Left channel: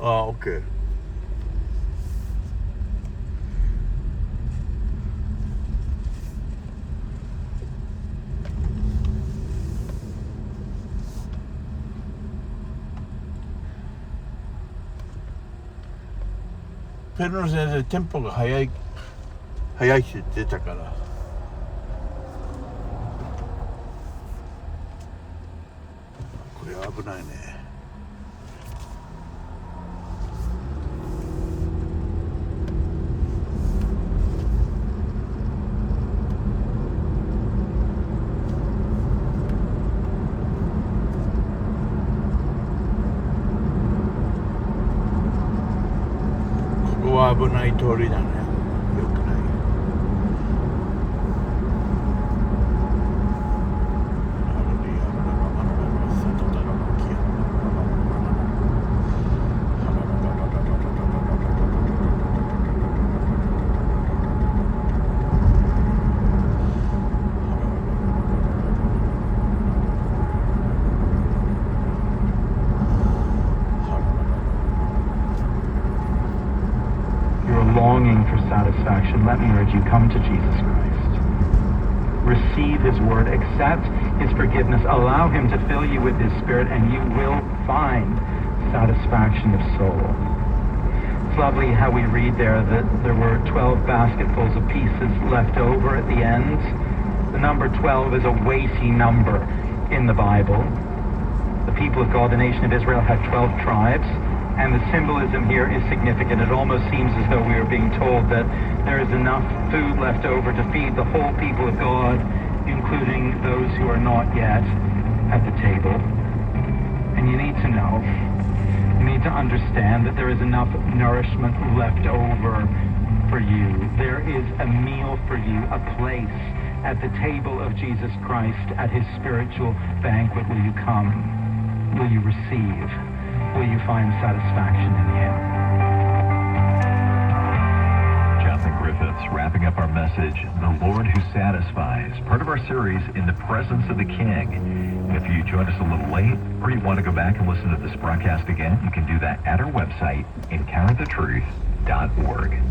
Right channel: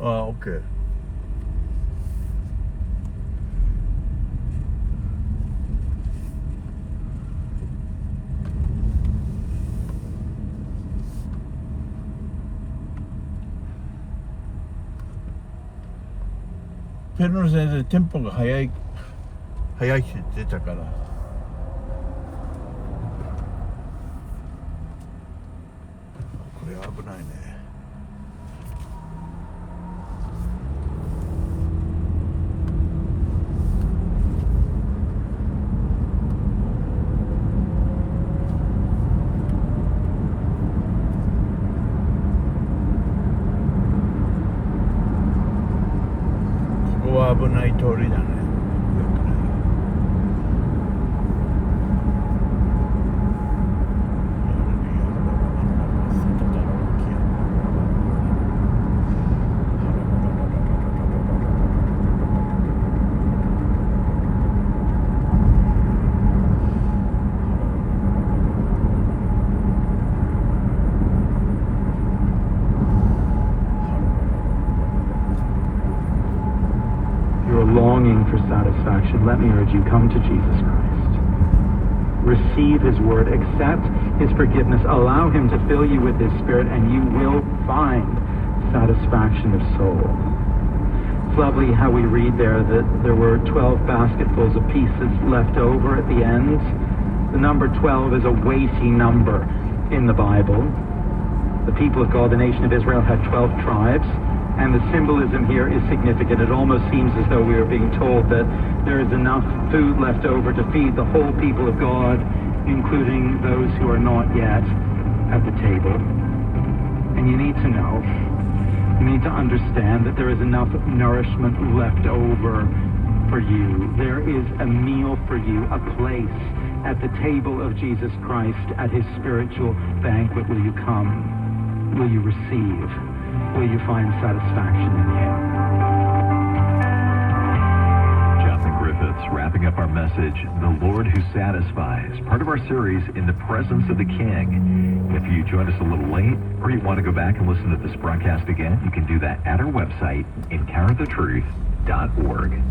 오케이.ペルノ先生テンポが速いしって言ってたから、これ危ないね。ここは危ない通りだね。よくない。Let me urge you, come to Jesus Christ. Receive His word, accept His forgiveness, allow Him to fill you with His Spirit, and you will find satisfaction of soul. It's lovely how we read there that there were 12 basketfuls of pieces left over at the end. The number 12 is a weighty number in the Bible. The people of God, the nation of Israel, had 12 tribes. And the symbolism here is significant. It almost seems as though we are being told that there is enough food left over to feed the whole people of God, including those who are not yet at the table. And you need to know, you need to understand that there is enough nourishment left over for you. There is a meal for you, a place at the table of Jesus Christ at His spiritual banquet. Will you come? Will you receive? Will you find satisfaction in Him? Jonathan Griffiths wrapping up our message, The Lord Who Satisfies, part of our series, In the Presence of the King. And if you joined us a little late, or you want to go back and listen to this broadcast again, you can do that at our website, encounterthetruth.org.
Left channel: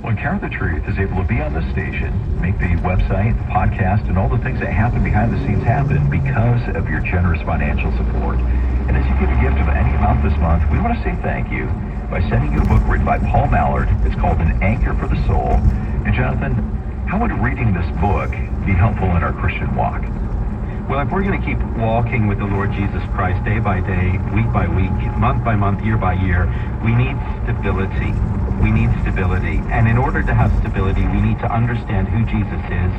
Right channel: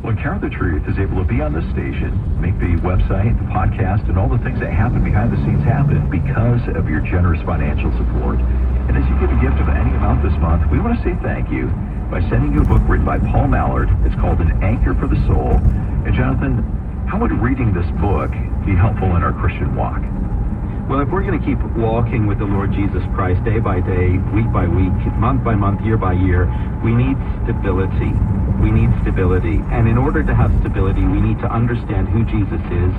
Well, Encounter the Truth is able to be on this station, make the website, the podcast, and all the things that happen behind the scenes happen because of your generous financial support. And as you give a gift of any amount this month, we want to say thank you by sending you a book written by Paul Mallard. It's called An Anchor for the Soul. And Jonathan, how would reading this book be helpful in our Christian walk? Well, if we're going to keep walking with the Lord Jesus Christ day by day, week by week, month by month, year by year, we need stability. We need stability. And in order to have stability, we need to understand who Jesus is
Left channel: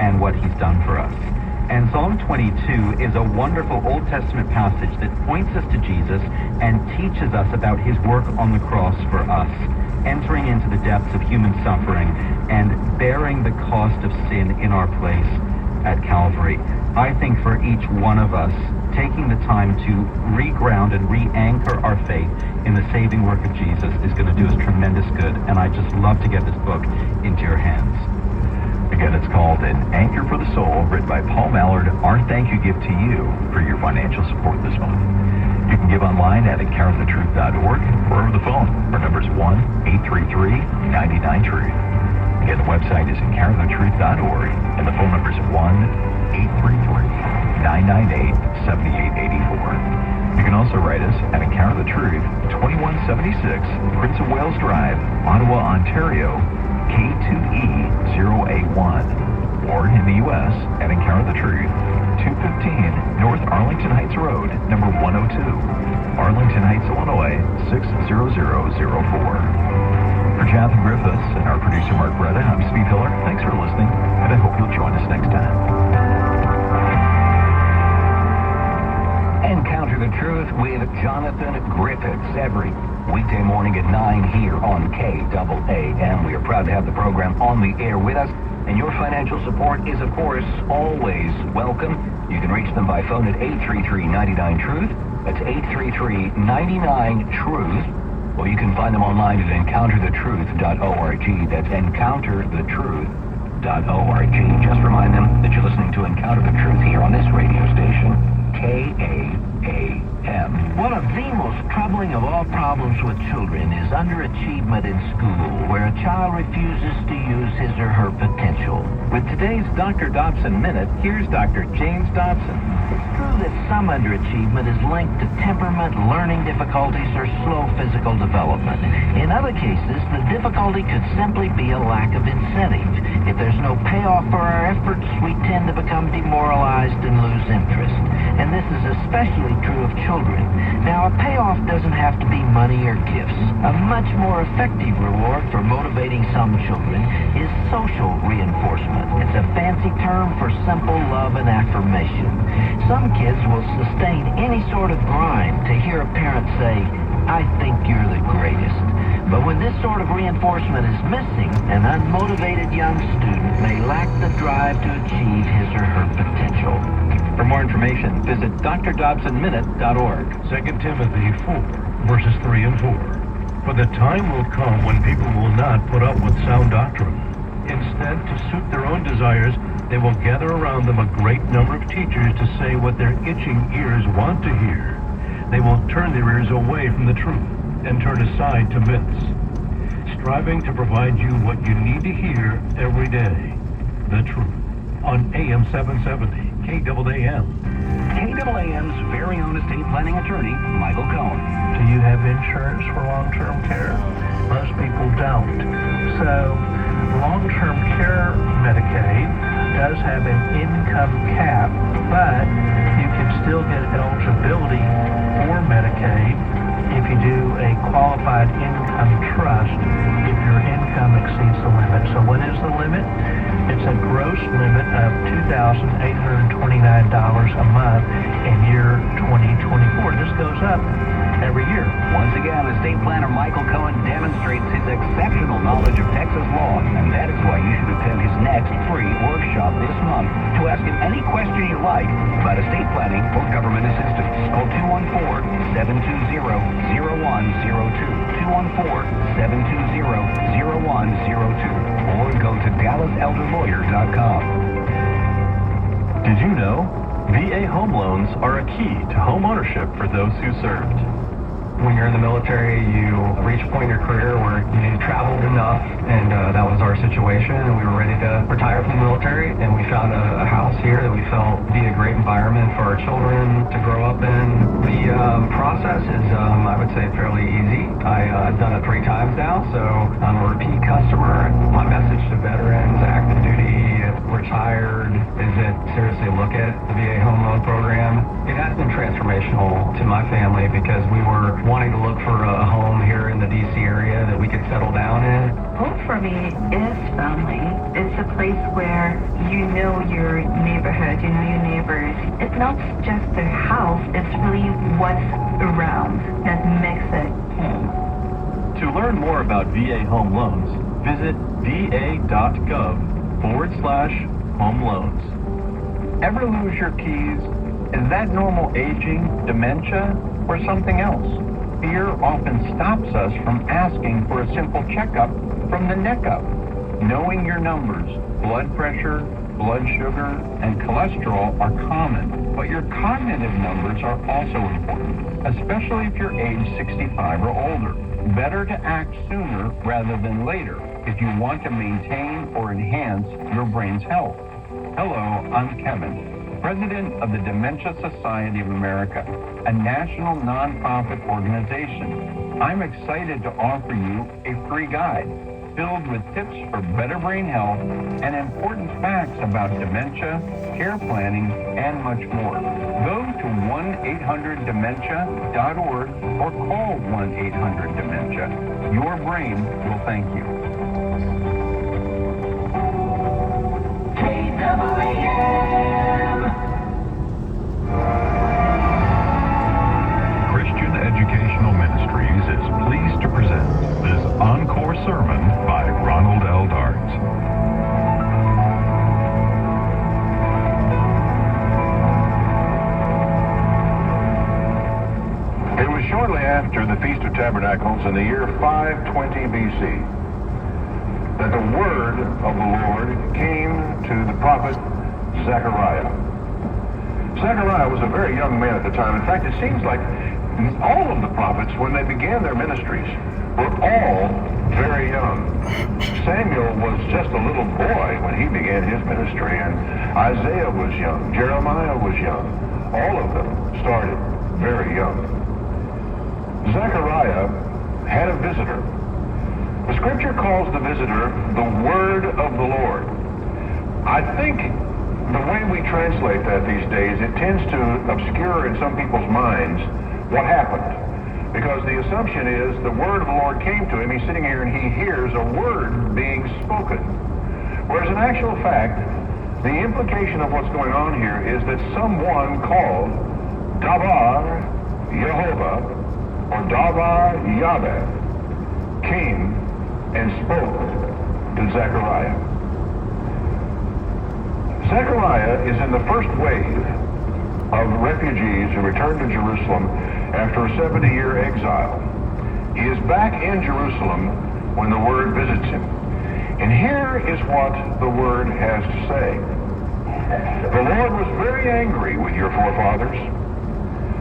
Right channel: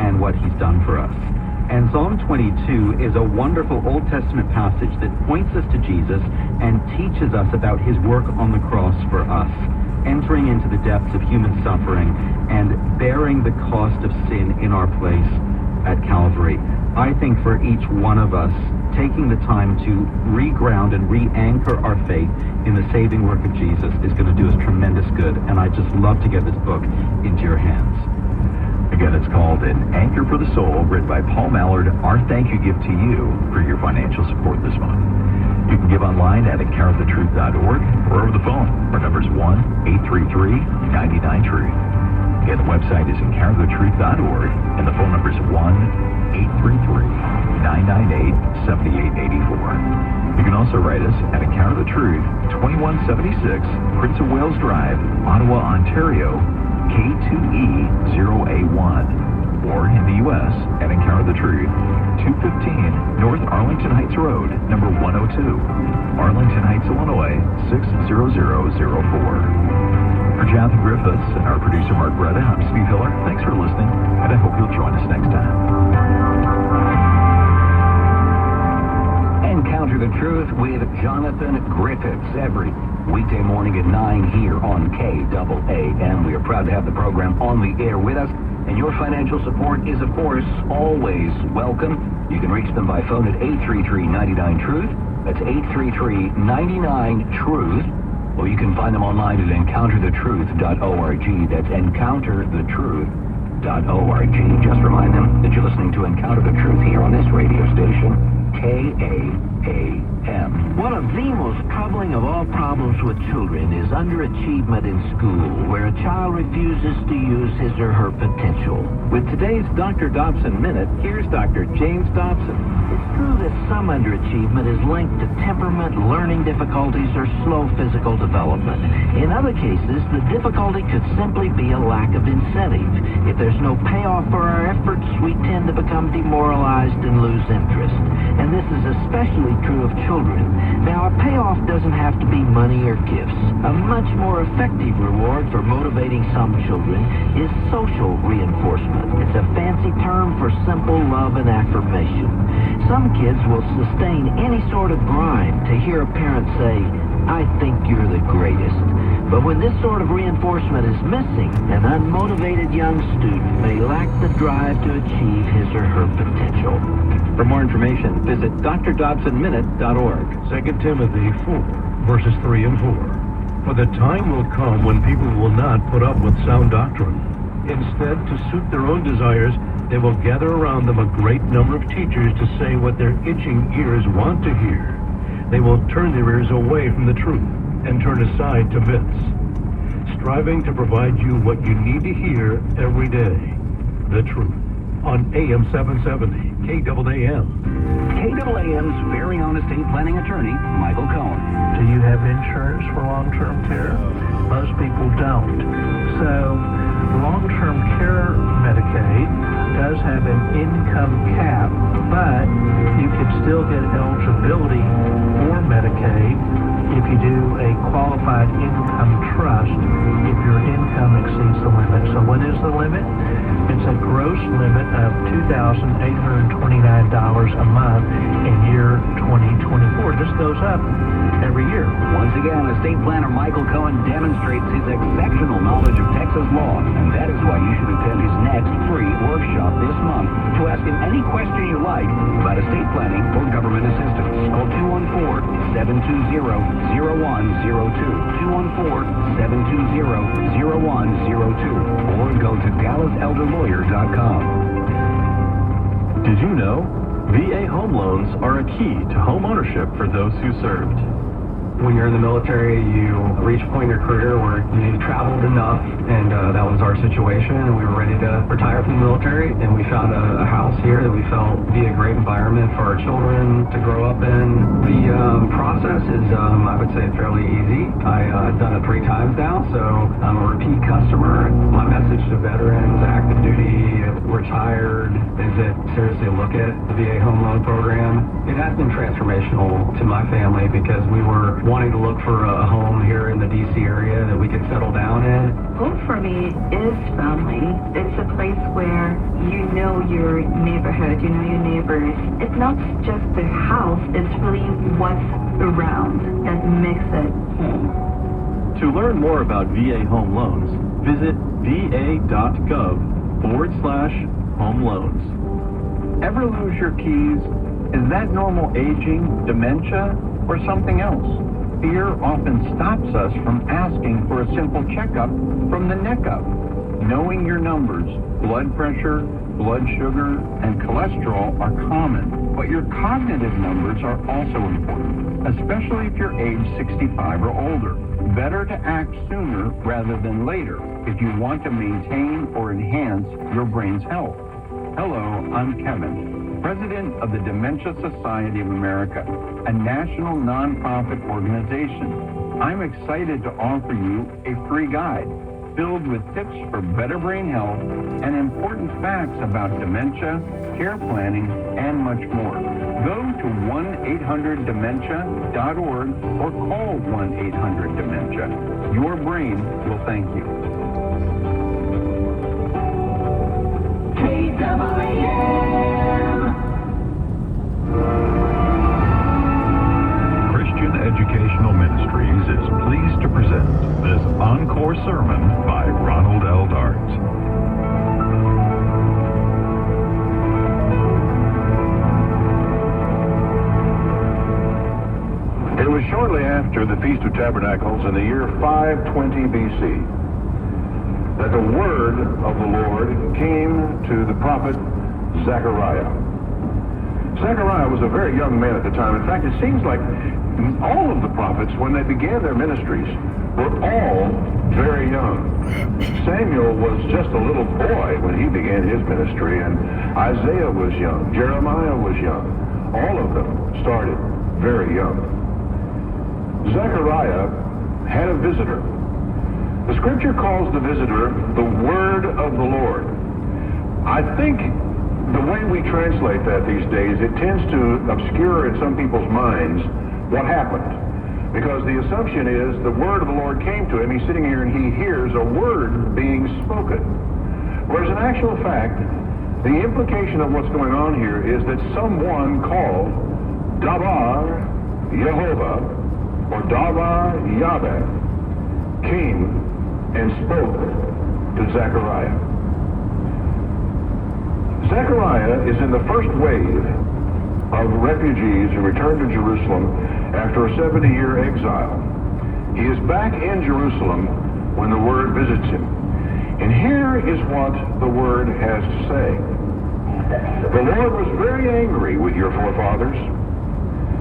and what He's done for us. And Psalm 22 is a wonderful Old Testament passage that points us to Jesus and teaches us about His work on the cross for us, entering into the depths of human suffering and bearing the cost of sin in our place at Calvary. I think for each one of us, taking the time to reground and re-anchor our faith in the saving work of Jesus is going to do us tremendous good. And I just love to get this book into your hands. Again, it's called An Anchor for the Soul, written by Paul Mallard. Our thank you gift to you for your financial support this month. You can give online at encounterthetruth.org or over the phone. Our number is 1-833-99-TRUTH. Again, the website is encounterthetruth.org, and the phone number is 1-833-998-7884. You can also write us at Encounter the Truth, 2176 Prince of Wales Drive, Ottawa, Ontario, K2E0A1, or in the U.S. at Encounter the Truth, 215 North Arlington Heights Road, number 102, Arlington Heights, Illinois, 60004. For Jonathan Griffiths and our producer Mark Bretta, I'm Steve Hiller. Thanks for listening, and I hope you'll join us next time. Encounter the Truth with Jonathan Griffiths every weekday morning at 9 here on KAAM. We are proud to have the program on the air with us, and your financial support is, of course, always welcome. You can reach them by phone at 833-99-TRUTH. That's 833-99-TRUTH. Or you can find them online at encounterthetruth.org. That's encounterthetruth.org. Just remind them that you're listening to Encounter the Truth here on this radio station, KAAM. One of the most troubling of all problems with children is underachievement in school, where a child refuses to use his or her potential. With today's Dr. Dobson Minute, here's Dr. James Dobson. It's true that some underachievement is linked to temperament, learning difficulties, or slow physical development. In other cases, the difficulty could simply be a lack of incentive. If there's no payoff for our efforts, we tend to become demoralized and lose interest. And this is especially true of children. Now, a payoff doesn't have to be money or gifts. A much more effective reward for motivating some children is social reinforcement. It's a fancy term for simple love and affirmation. Some kids will sustain any sort of grind to hear a parent say, "I think you're the greatest." But when this sort of reinforcement is missing, an unmotivated young student may lack the drive to achieve his or her potential. For more information, visit drdobsonminute.org. 2 Timothy 4, verses 3 and 4. For the time will come when people will not put up with sound doctrine. Instead, to suit their own desires, they will gather around them a great number of teachers to say what their itching ears want to hear. They will turn their ears away from the truth and turn aside to myths, striving to provide you what you need to hear every day, the truth. On AM 770, KAAM. KAAM's very own estate planning attorney, Michael Cohen. Do you have insurance for long-term care? Most people don't. So, long-term care Medicaid does have an income cap, but you can still get eligibility for Medicaid if you do a qualified income trust if your income exceeds the limit. So what is the limit? It's a gross limit of $2,829 a month in year 2024. This goes up every year. Once again, estate planner Michael Cohen demonstrates his exceptional knowledge of Texas law, and that is why you should attend his next free workshop this month to ask him any question you like about estate planning or government assistance. Call 214-720-0102, 214-720-0102, or go to DallasElderLawyer.com. Did you know VA home loans are a key to home ownership for those who served? When you're in the military, you reach a point in your career where you traveled enough, and that was our situation, and we were ready to retire from the military, and we found a house here that we felt would be a great environment for our children to grow up in. The process is, I would say, fairly easy. I've done it 3 times now, so I'm a repeat customer. My message to veterans, active duty, retired, is that seriously look at the VA home loan program. It has been transformational to my family because we were wanting to look for a home here in the D.C. area that we could settle down in. Home for me is family. It's a place where you know your neighborhood, you know your neighbors. It's not just the house, it's really what's around that makes it home. To learn more about VA home loans, visit va.gov/home loans. Ever lose your keys? Is that normal aging, dementia, or something else? Fear often stops us from asking for a simple checkup from the neck up. Knowing your numbers, blood pressure, blood sugar, and cholesterol are common, but your cognitive numbers are also important, especially if you're age 65 or older. Better to act sooner rather than later if you want to maintain or enhance your brain's health. Hello, I'm Kevin, President of the Dementia Society of America, a national nonprofit organization. I'm excited to offer you a free guide filled with tips for better brain health and important facts about dementia, care planning, and much more. Go to 1-800-DEMENTIA.org or call 1-800-DEMENTIA. Your brain will thank you. Christian Educational Ministries is pleased to present this encore sermon by Ronald L. Dart. It was shortly after the Feast of Tabernacles in the year 520 BC that the word of the Lord came to the prophet Zechariah. Zechariah was a very young man at the time. In fact, it seems like all of the prophets, when they began their ministries, were all very young. Samuel was just a little boy when he began his ministry, and Isaiah was young. Jeremiah was young. All of them started very young. Zechariah had a visitor. The scripture calls the visitor the word of the Lord. I think the way we translate that these days, it tends to obscure in some people's minds what happened. Because the assumption is the word of the Lord came to him, he's sitting here and he hears a word being spoken. Whereas in actual fact, the implication of what's going on here is that someone called Dabar Yehovah or Dabar Yahweh came and spoke to Zechariah. Zechariah is in the first wave of refugees who returned to Jerusalem after a 70-year exile. He is back in Jerusalem when the word visits him. And here is what the word has to say. The Lord was very angry with your forefathers.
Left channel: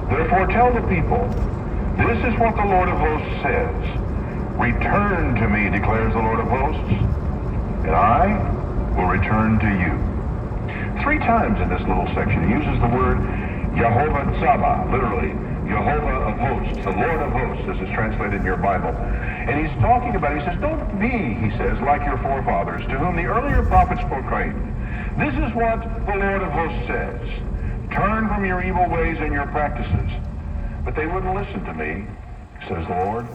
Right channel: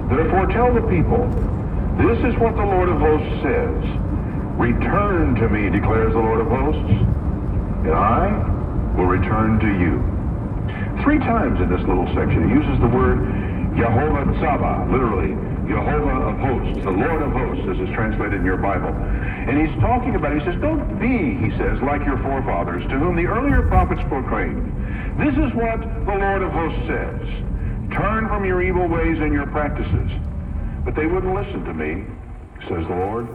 Therefore tell the people, this is what the Lord of hosts says. Return to me, declares the Lord of hosts, and I will return to you. 3 times in this little section, he uses the word Yehovah Tzava, literally, Yehovah of hosts, the Lord of hosts, as is translated in your Bible. And he's talking about, he says, don't be, he says, like your forefathers, to whom the earlier prophets proclaimed. This is what the Lord of hosts says. Turn from your evil ways and your practices. But they wouldn't listen to me, says the Lord.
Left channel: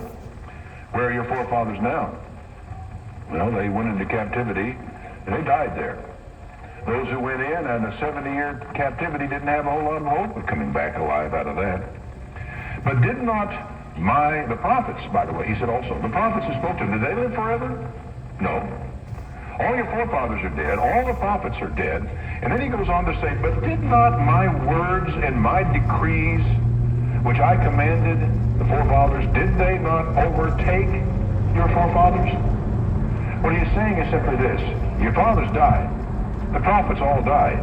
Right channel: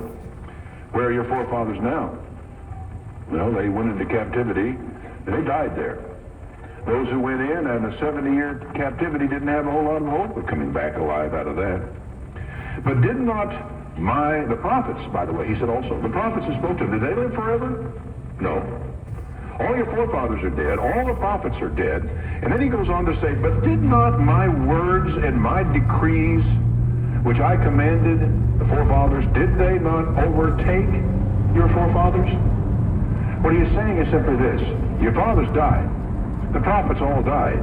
Where are your forefathers now? Well, they went into captivity, and they died there. Those who went in and the 70-year captivity didn't have a whole lot of hope of coming back alive out of that. But did not the prophets, by the way, he said also, the prophets who spoke to him, did they live forever? No. All your forefathers are dead. All the prophets are dead. And then he goes on to say, but did not my words and my decrees, which I commanded the forefathers, did they not overtake your forefathers? What he is saying is simply this. Your fathers died. The prophets all died.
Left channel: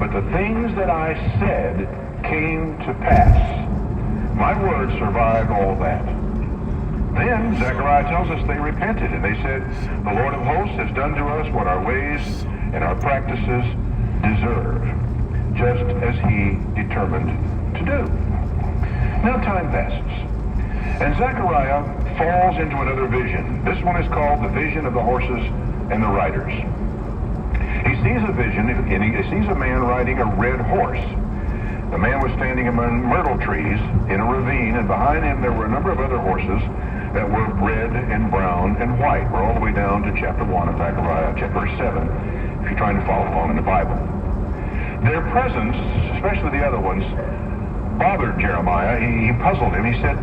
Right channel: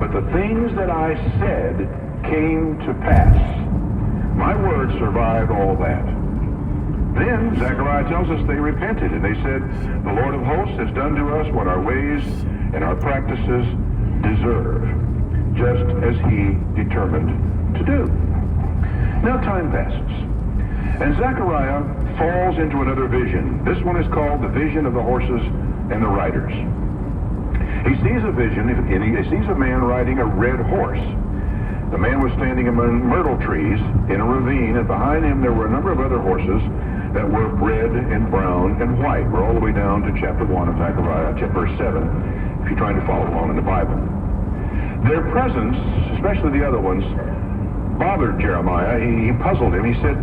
But the things that I said came to pass. My words survived all that. Then Zechariah tells us they repented and they said, the Lord of hosts has done to us what our ways and our practices deserve, just as he determined to do. Now time passes, and Zechariah falls into another vision. This one is called the vision of the horses and the riders. He sees a vision, and he sees a man riding a red horse. The man was standing among myrtle trees in a ravine, and behind him there were a number of other horses that were red and brown and white. We're all the way down to chapter 1 of Zechariah, verse 7, if you're trying to follow along in the Bible. Their presence, especially the other ones, bothered Jeremiah. He puzzled him. He said,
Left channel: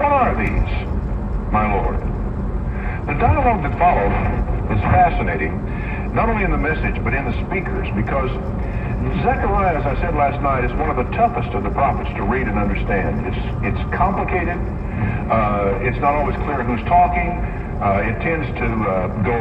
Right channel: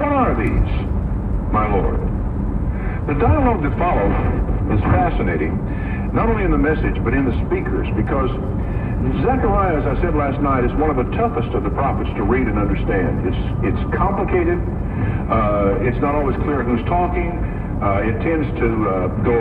what are these, my Lord? The dialogue that followed is fascinating, not only in the message, but in the speakers, because Zechariah, as I said last night, is one of the toughest of the prophets to read and understand. It's complicated. It's not always clear who's talking. It tends to go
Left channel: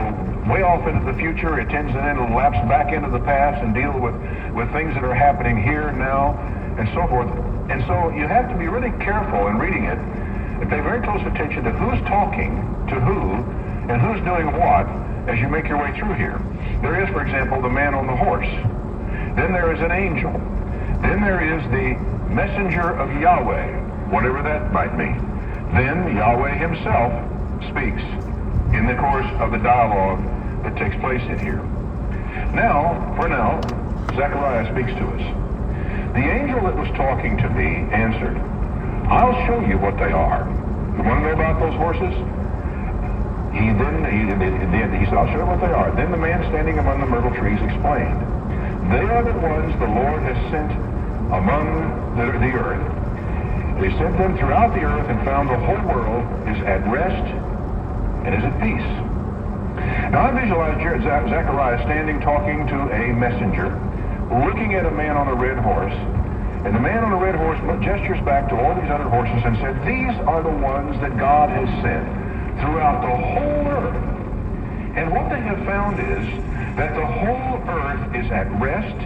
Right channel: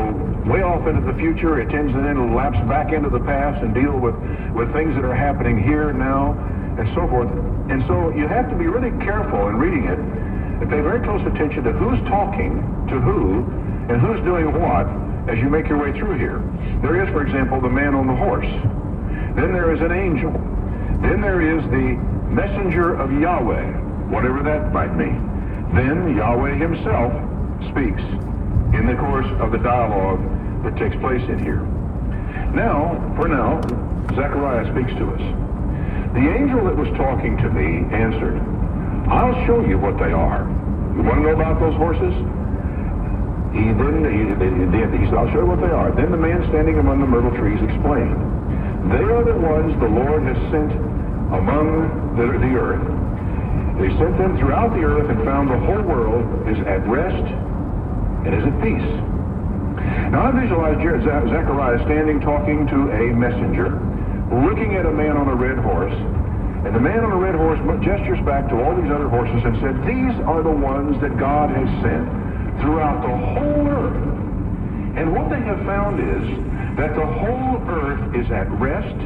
way off into the future. It tends then to lapse back into the past and deal with things that are happening here and now and so forth. And so you have to be really careful in reading it and pay very close attention to who's talking to who and who's doing what as you make your way through here. There is, for example, the man on the horse. Then there is an angel. Then there is the messenger of Yahweh, whatever that might mean. Then Yahweh himself speaks in the course of the dialogue that takes place in here. Now, for now, Zechariah speaks to us. The angel that was talking to me answered, I'll show you what they are. You want to know about those horses? He said, I'll show you what they are. Then the man standing among the myrtle trees explained, they are the ones the Lord has sent among the earth. They sent them throughout the earth and found the whole world is at rest and is at peace. Now I visualize Zechariah standing talking to a messenger, looking at a man on a red horse, and the man on the red horse gestures back to all these other horses and said, these are the ones that God has sent throughout the whole earth. And what they have found is that the whole earth is at rest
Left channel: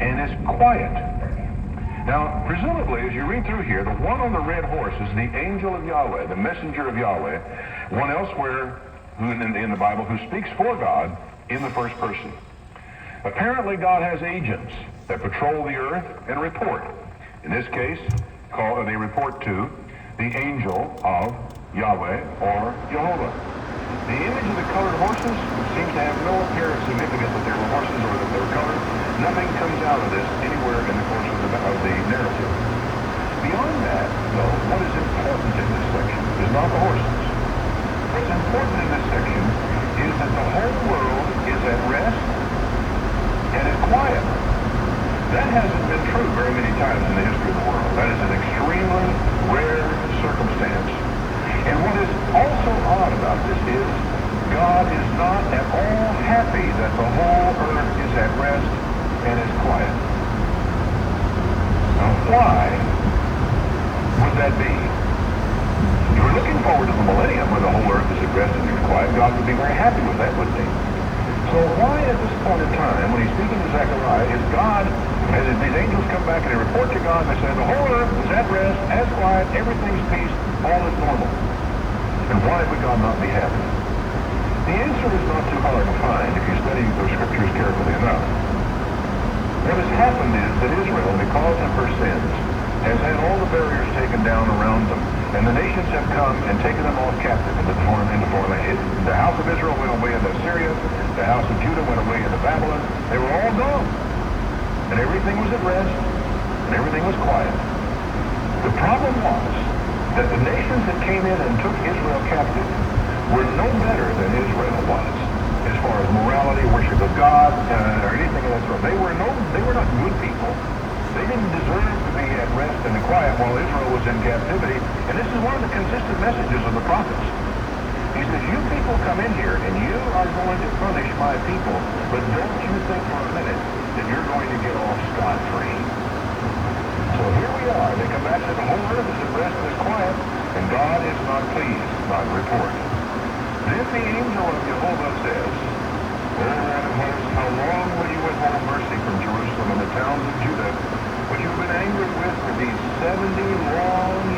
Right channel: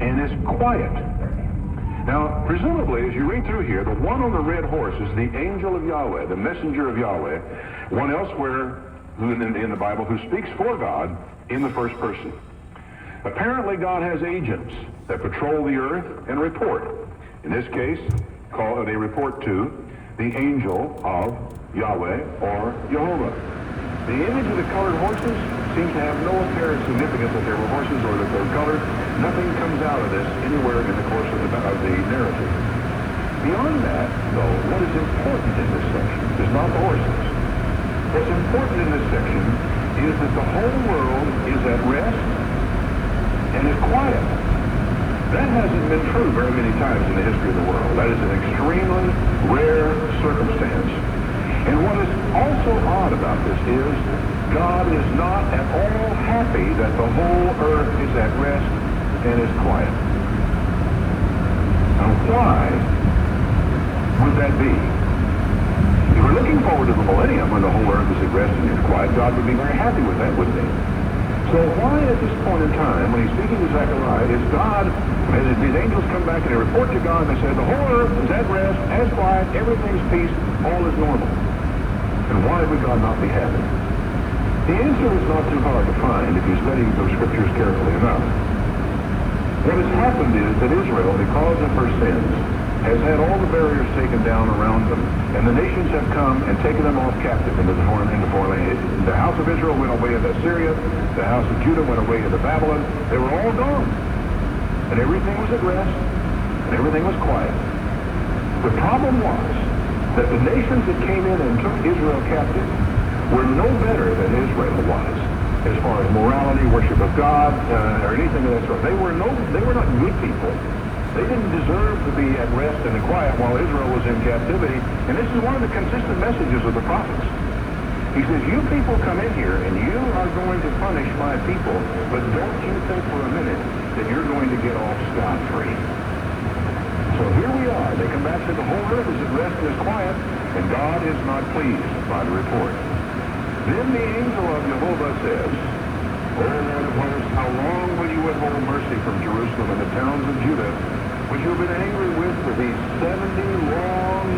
and is quiet. Now, presumably, as you read through here, the one on the red horse is the angel of Yahweh, the messenger of Yahweh, one elsewhere in the Bible who speaks for God in the first person. Apparently, God has agents that patrol the earth and report. In this case, they report to the angel of Yahweh or Jehovah. The image of the colored horses seems to have no apparent significance that they're horses or that they're colored. Nothing comes out of this anywhere in the course of the narrative. Beyond that, though, what is important in this section is not the horses. What's important in this section is that the whole world is at rest and is quiet. That hasn't been true very many times in the history of the world. That is an extremely rare circumstance. And what is also odd about this is God is not at all happy that the whole earth is at rest and is quiet. Now, why would that be? If we're looking forward to the millennium when the whole earth is at rest and is quiet, God would be very happy with that, wouldn't he? So why at this point in time, when he's speaking to Zechariah, is God, as these angels come back and they report to God, they say the whole earth is at rest, as quiet, everything's peace, all is normal. And why would God not be happy? The answer is not too hard to find if you study the scriptures carefully enough. What has happened is that Israel, because of her sins, has had all the barriers taken down around them, and the nations have come and taken them off captive into the foreign land. The house of Israel went away into Syria, the house of Judah went away into Babylon. They were all gone. And everything was at rest, and everything was quiet. The problem was that the nations that came in and took Israel captive were no better than Israel was as far as morality, worship of God, or anything of that sort. They were not good people. They didn't deserve to be at rest and quiet while Israel was in captivity. And this is one of the consistent messages of the prophets. He says, you people come in here and you are going to punish my people, but don't you think for a minute that you're going to get off scot-free. So here we are. They come back and say the whole earth is at rest and is quiet, and God is not pleased by the report. Then the angel of Jehovah says, how long will you withhold mercy from Jerusalem and the towns of Judah, which you have been angry with for these 70 long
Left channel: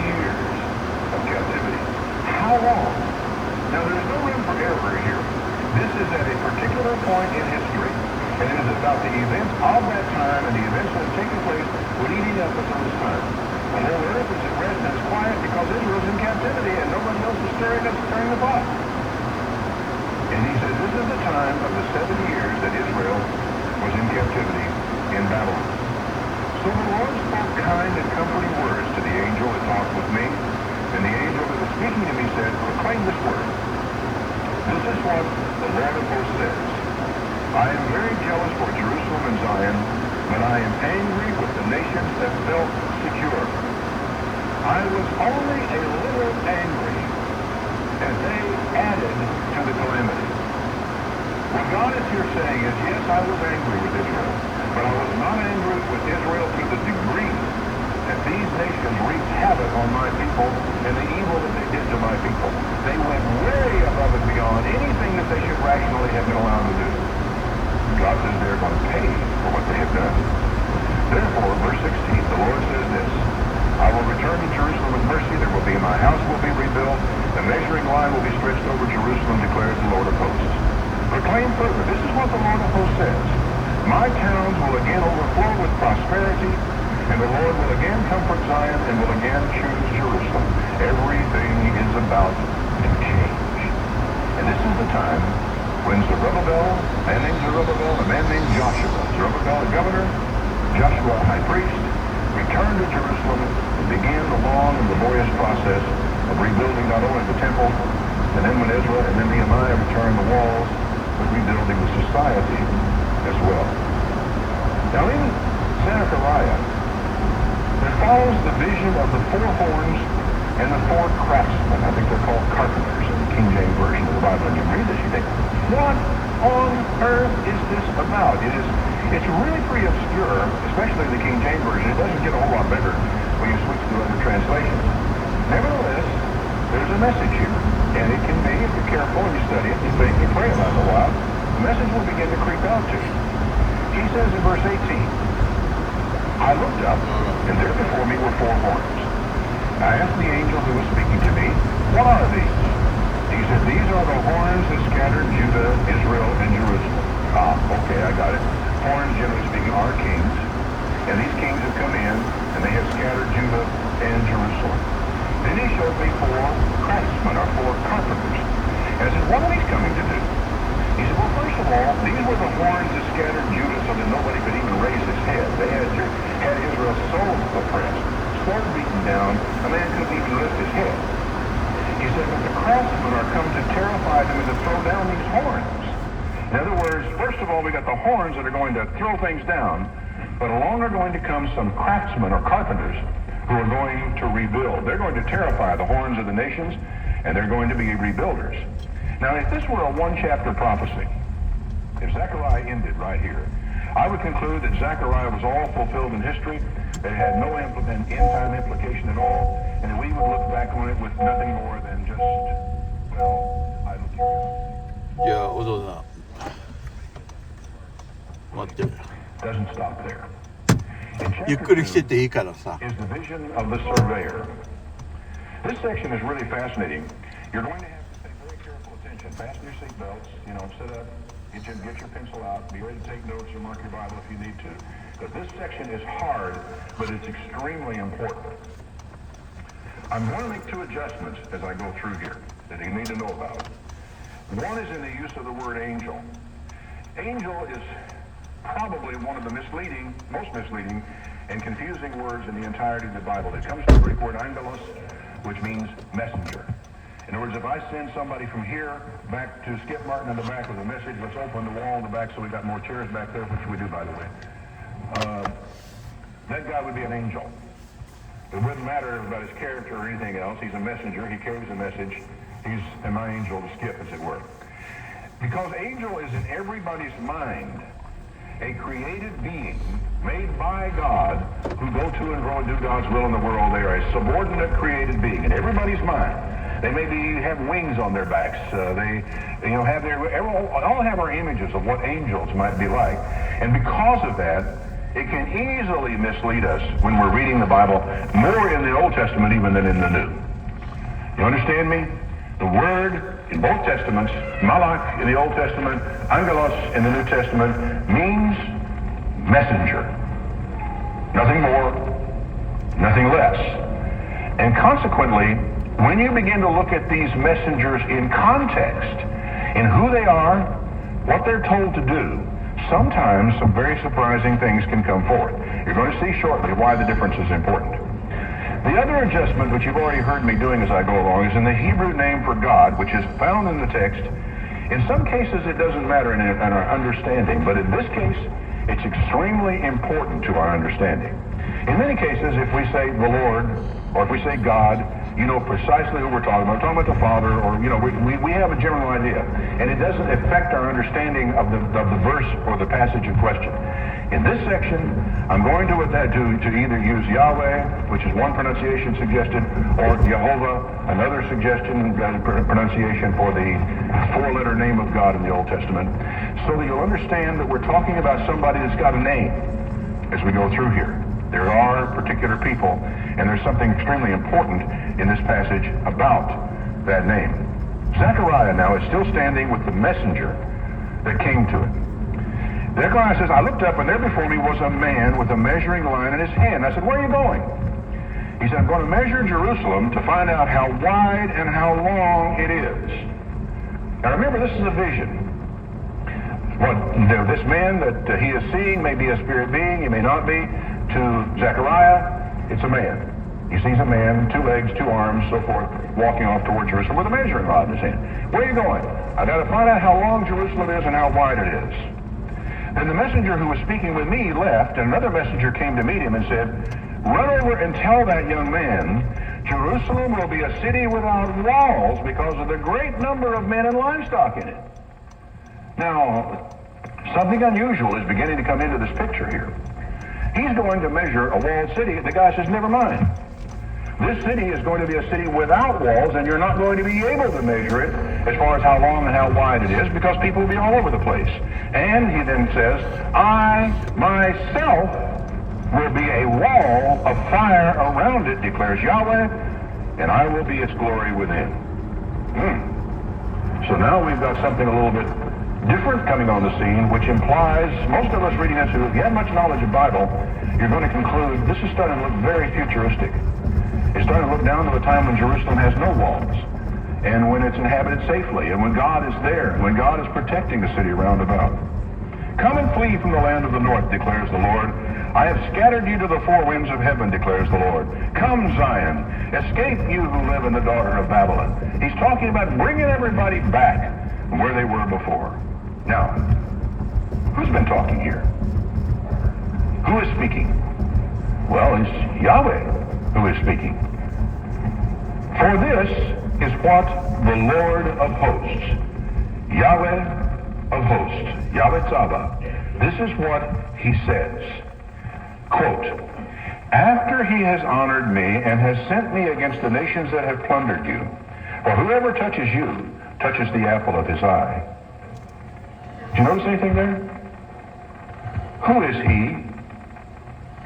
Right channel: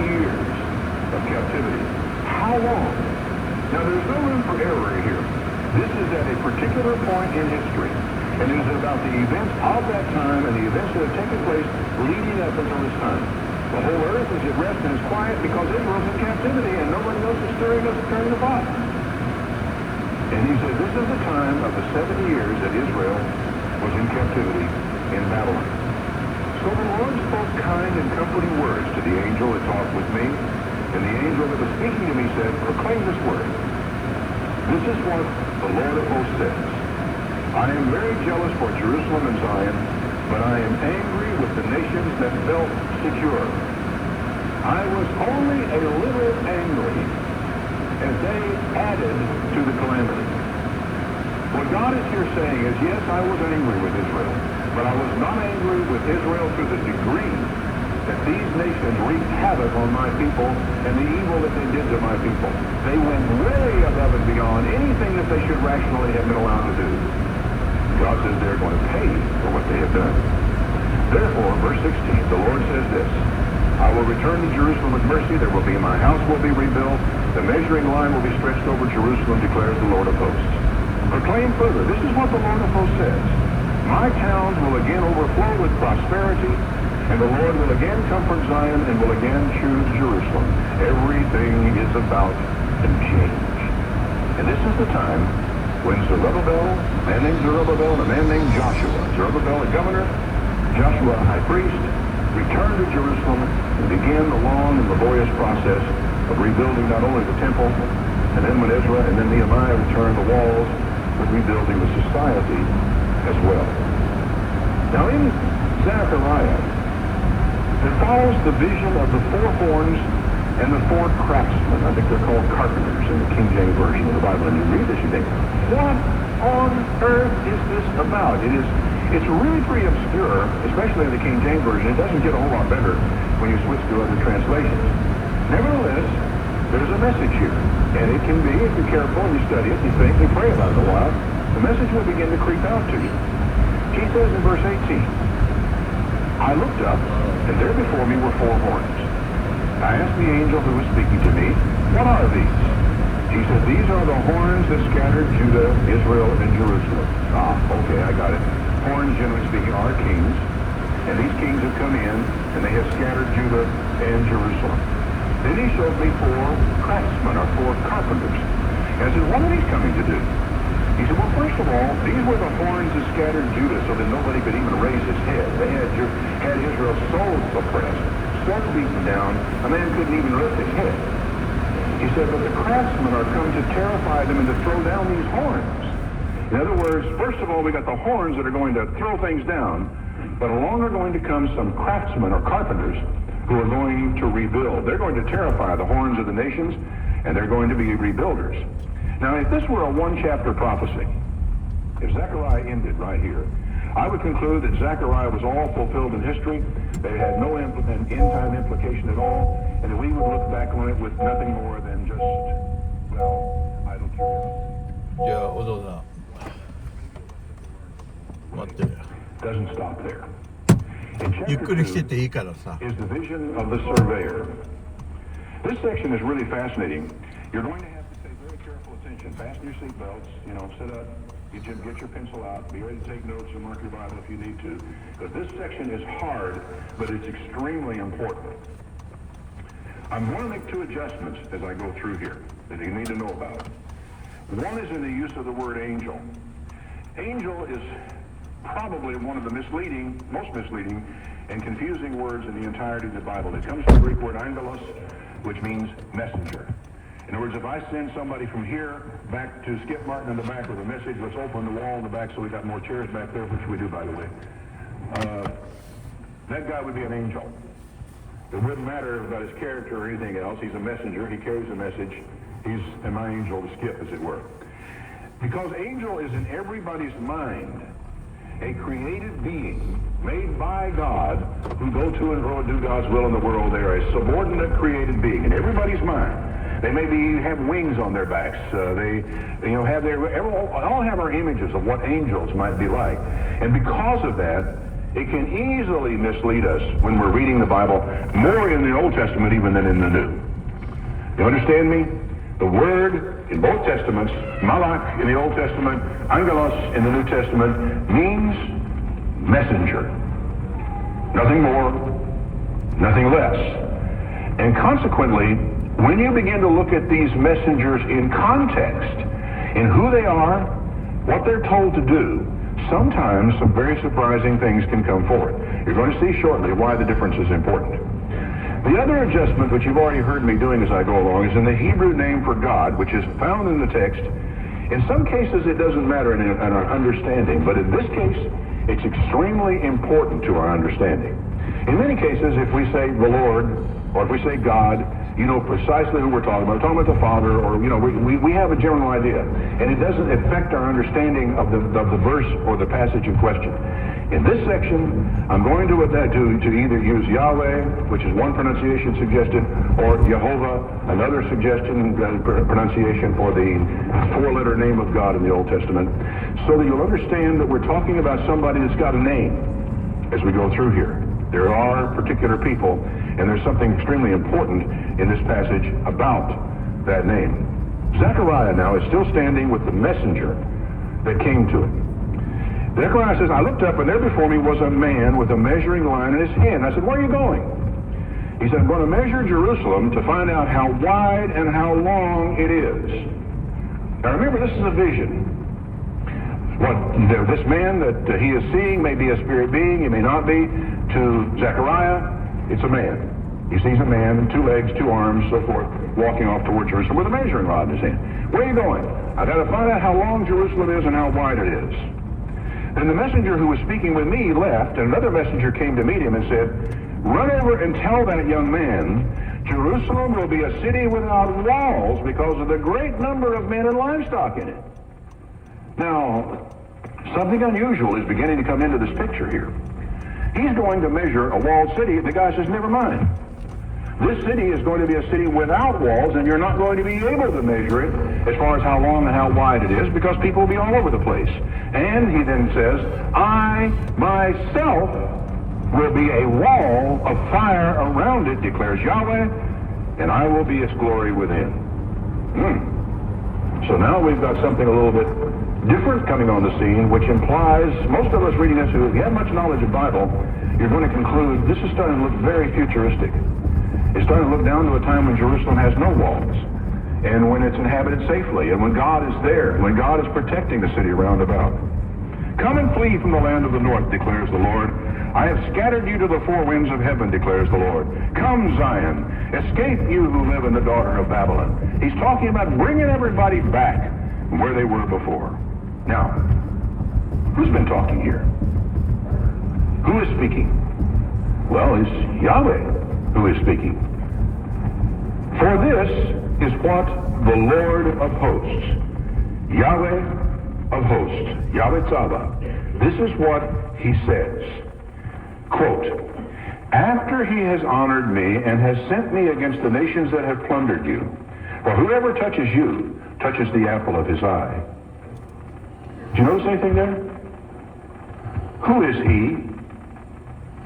asked the angel who was speaking to me, what are these? He said, these are the horns that scattered Judah, Israel, and Jerusalem. Ah, okay, I got it. Horns, generally speaking, are kings. And these kings have come in, and they have scattered Judah and Jerusalem. Then he showed me 4 craftsmen, or 4 carpenters. And I said, what are these coming to do? He said, well, first of all, these were the horns that scattered Judah so that nobody could even raise his head. They had Israel so oppressed, so beaten down, a man couldn't even lift his head. He said, but the craftsmen are come to terrify them and to throw down these horns. In other words, first of all, we got the horns that are going to throw things down, but along are going to come some craftsmen or carpenters who are going to rebuild. They're going to terrify the horns of the nations, and they're going to be rebuilders. Now, if this were a one-chapter prophecy, if Zechariah ended right here, I would conclude that Zechariah was all fulfilled in history, that it had no end-time implication at all, and that we would look back on it with nothing more than just, well, I don't care. じゃあお父さん待ってるよ Doesn't stop there. ゆっくりしてていいからさ Is the vision of the surveyor. This section is really fascinating. You're going to have to pay very careful attention. Fasten your seatbelts, sit up, get your pencil out, be ready to take notes and mark your Bible if you need to. But this section is hard, but it's extremely important. I'm going to make 2 adjustments as I go through here that you need to know about. One is in the use of the word angel. Angel is probably one of the most misleading and confusing words in the entirety of the Bible. It comes from the Greek word angelos, which means messenger. In other words, if I send somebody from here back to Skip Martin in the back with a message, let's open the wall in the back so we got more chairs back there, which we do, by the way. That guy would be an angel. It wouldn't matter about his character or anything else. He's a messenger. He carries a message. He's my angel to Skip, as it were. Because angel is in everybody's mind a created being made by God who go to and fro and do God's will in the world. They are a subordinate created being in everybody's mind. They maybe have wings on their backs. They all have our images of what angels might be like. And because of that, it can easily mislead us when we're reading the Bible, more in the Old Testament even than in the New. You understand me? The word in both Testaments, malach in the Old Testament, angelos in the New Testament, means messenger. Nothing more, nothing less. And consequently, when you begin to look at these messengers in context, in who they are, what they're told to do, sometimes some very surprising things can come forth. You're going to see shortly why the difference is important. The other adjustment, which you've already heard me doing as I go along, is in the Hebrew name for God, which is found in the text. In some cases, it doesn't matter in our understanding, but in this case, it's extremely important to our understanding. In many cases, if we say the Lord, or if we say God, you know precisely who we're talking about. We're talking about the Father, or we have a general idea, and it doesn't affect our understanding of the verse or the passage in question. In this section, I'm going to either use Yahweh, which is one pronunciation suggested, or Jehovah, another suggestion pronunciation for the 4-letter name of God in the Old Testament, so that you'll understand that we're talking about somebody that's got a name as we go through here. There are particular people, and there's something extremely important in this passage about that name. Zechariah now is still standing with the messenger that came to him. Zechariah says, I looked up, and there before me was a man with a measuring line in his hand. I said, where are you going? He said, I'm going to measure Jerusalem to find out how wide and how long it is. Now remember, this is a vision. This man that he is seeing may be a spirit being, he may not be. To Zechariah, it's a man. He sees a man, 2 legs, 2 arms, so forth, walking off toward Jerusalem with a measuring rod in his hand. Where are you going? I've got to find out how long Jerusalem is and how wide it is. And the messenger who was speaking with me left, and another messenger came to meet him and said, run over and tell that young man, Jerusalem will be a city without walls because of the great number of men and livestock in it. Now, something unusual is beginning to come into this picture here. He's going to measure a walled city. The guy says, never mind. This city is going to be a city without walls, and you're not going to be able to measure it as far as how long and how wide it is, because people will be all over the place. And he then says, I myself will be a wall of fire around it, declares Yahweh, I will be its glory within. So now we've got something a little bit different coming on the scene, which implies most of us reading this, if you have much knowledge of Bible, you're going to conclude this is starting to look very futuristic. It's starting to look down to a time when Jerusalem has no walls, and when it's inhabited safely, and when God is there, when God is protecting the city round about. Come and flee from the land of the north, declares the Lord. I have scattered you to the four winds of heaven, declares the Lord. Come, Zion, escape you who live in the daughter of Babylon. He's talking about bringing everybody back where they were before. Now, who's been talking here? Who is speaking? Well, it's Yahweh who is speaking. For this is what the Lord of hosts, Yahweh of hosts, Yahweh Tzava, this is what he says. Quote, after he has honored me and has sent me against the nations that have plundered you, for whoever touches you touches the apple of his eye. Do you notice anything there? Who is he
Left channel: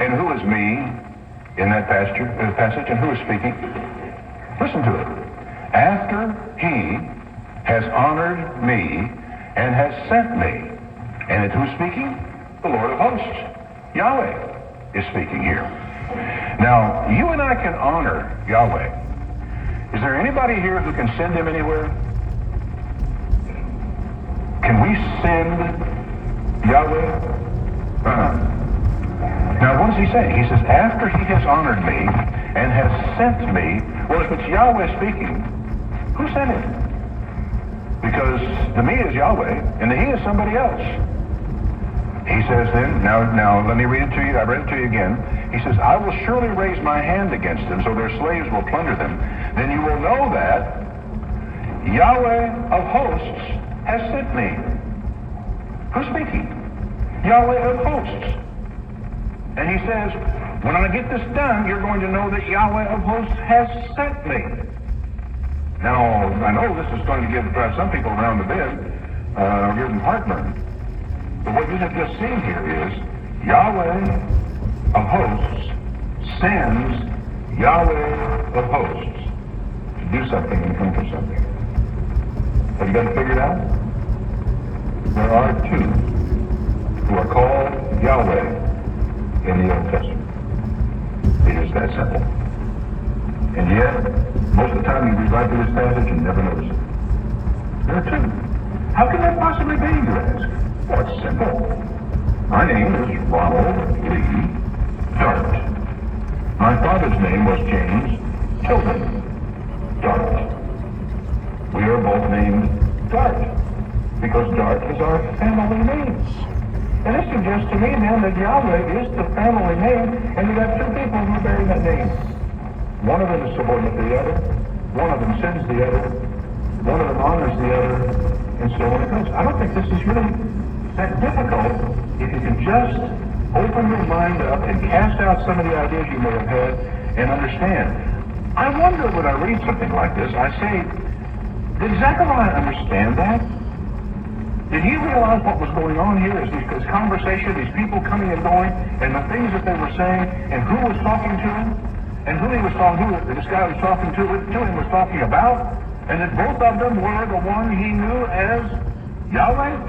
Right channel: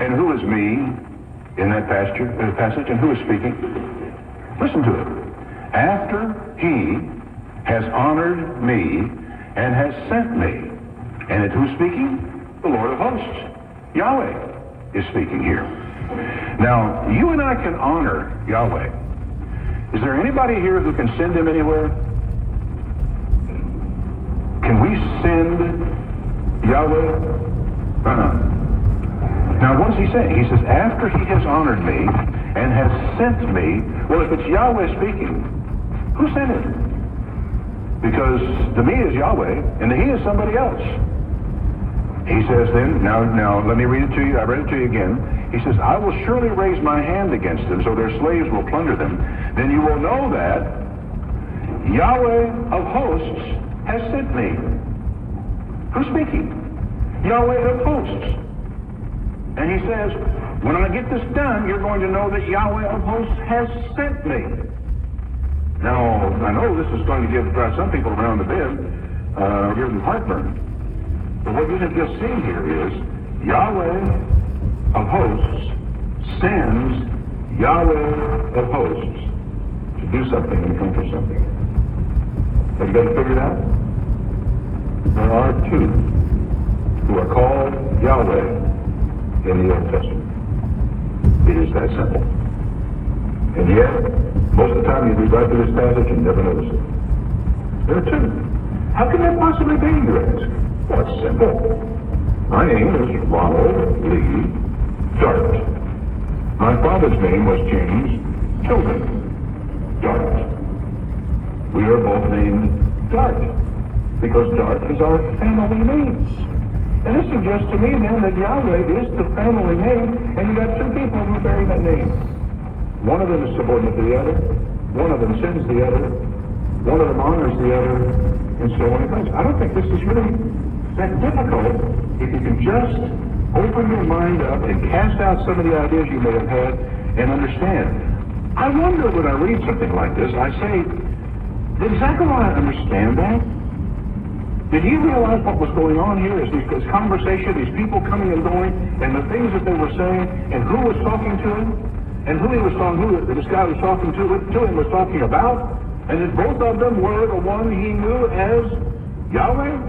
and who is me in that passage, and who is speaking? Listen to it. After he has honored me and has sent me. And it's who's speaking? The Lord of hosts. Yahweh is speaking here. Now, you and I can honor Yahweh. Is there anybody here who can send him anywhere? Can we send Yahweh? Now, what does he say? He says, after he has honored me and has sent me. Well, if it's Yahweh speaking, who sent him? Because the me is Yahweh, and the he is somebody else. He says then, now let me read it to you. I read it to you again. He says, I will surely raise my hand against them, so their slaves will plunder them. Then you will know that Yahweh of hosts has sent me. Who's speaking? Yahweh of hosts. And he says, when I get this done, you're going to know that Yahweh of hosts has sent me. Now, I know this is going to drive some people around the bed, or give them heartburn. But what you have just seen here is Yahweh of hosts sends Yahweh of hosts to do something and come for something. Have you got it figured out? There are two who are called Yahweh in the Old Testament. It is that simple. And yet, most of the time you read right through this passage and never notice it. There are two. How can that possibly be, you ask? Well, it's simple. My name is Ronald Lee Dart. My father's name was James Tilden Dart. We are both named Dart because Dart is our family name. And this suggests to me then that Yahweh is the family name, and you have two people who bear that name. One of them is subordinate to the other. One of them sends the other. One of them honors the other, and so on it goes. I don't think this is really that difficult if you can just open your mind up and cast out some of the ideas you may have had and understand. I wonder when I read something like this, I say, did Zechariah understand that? Did he realize what was going on here? Is this conversation, these people coming and going, and the things that they were saying, and who was talking to him, and who he was talking to, this guy was talking to him was talking about, and that both of them were the one he knew as Yahweh?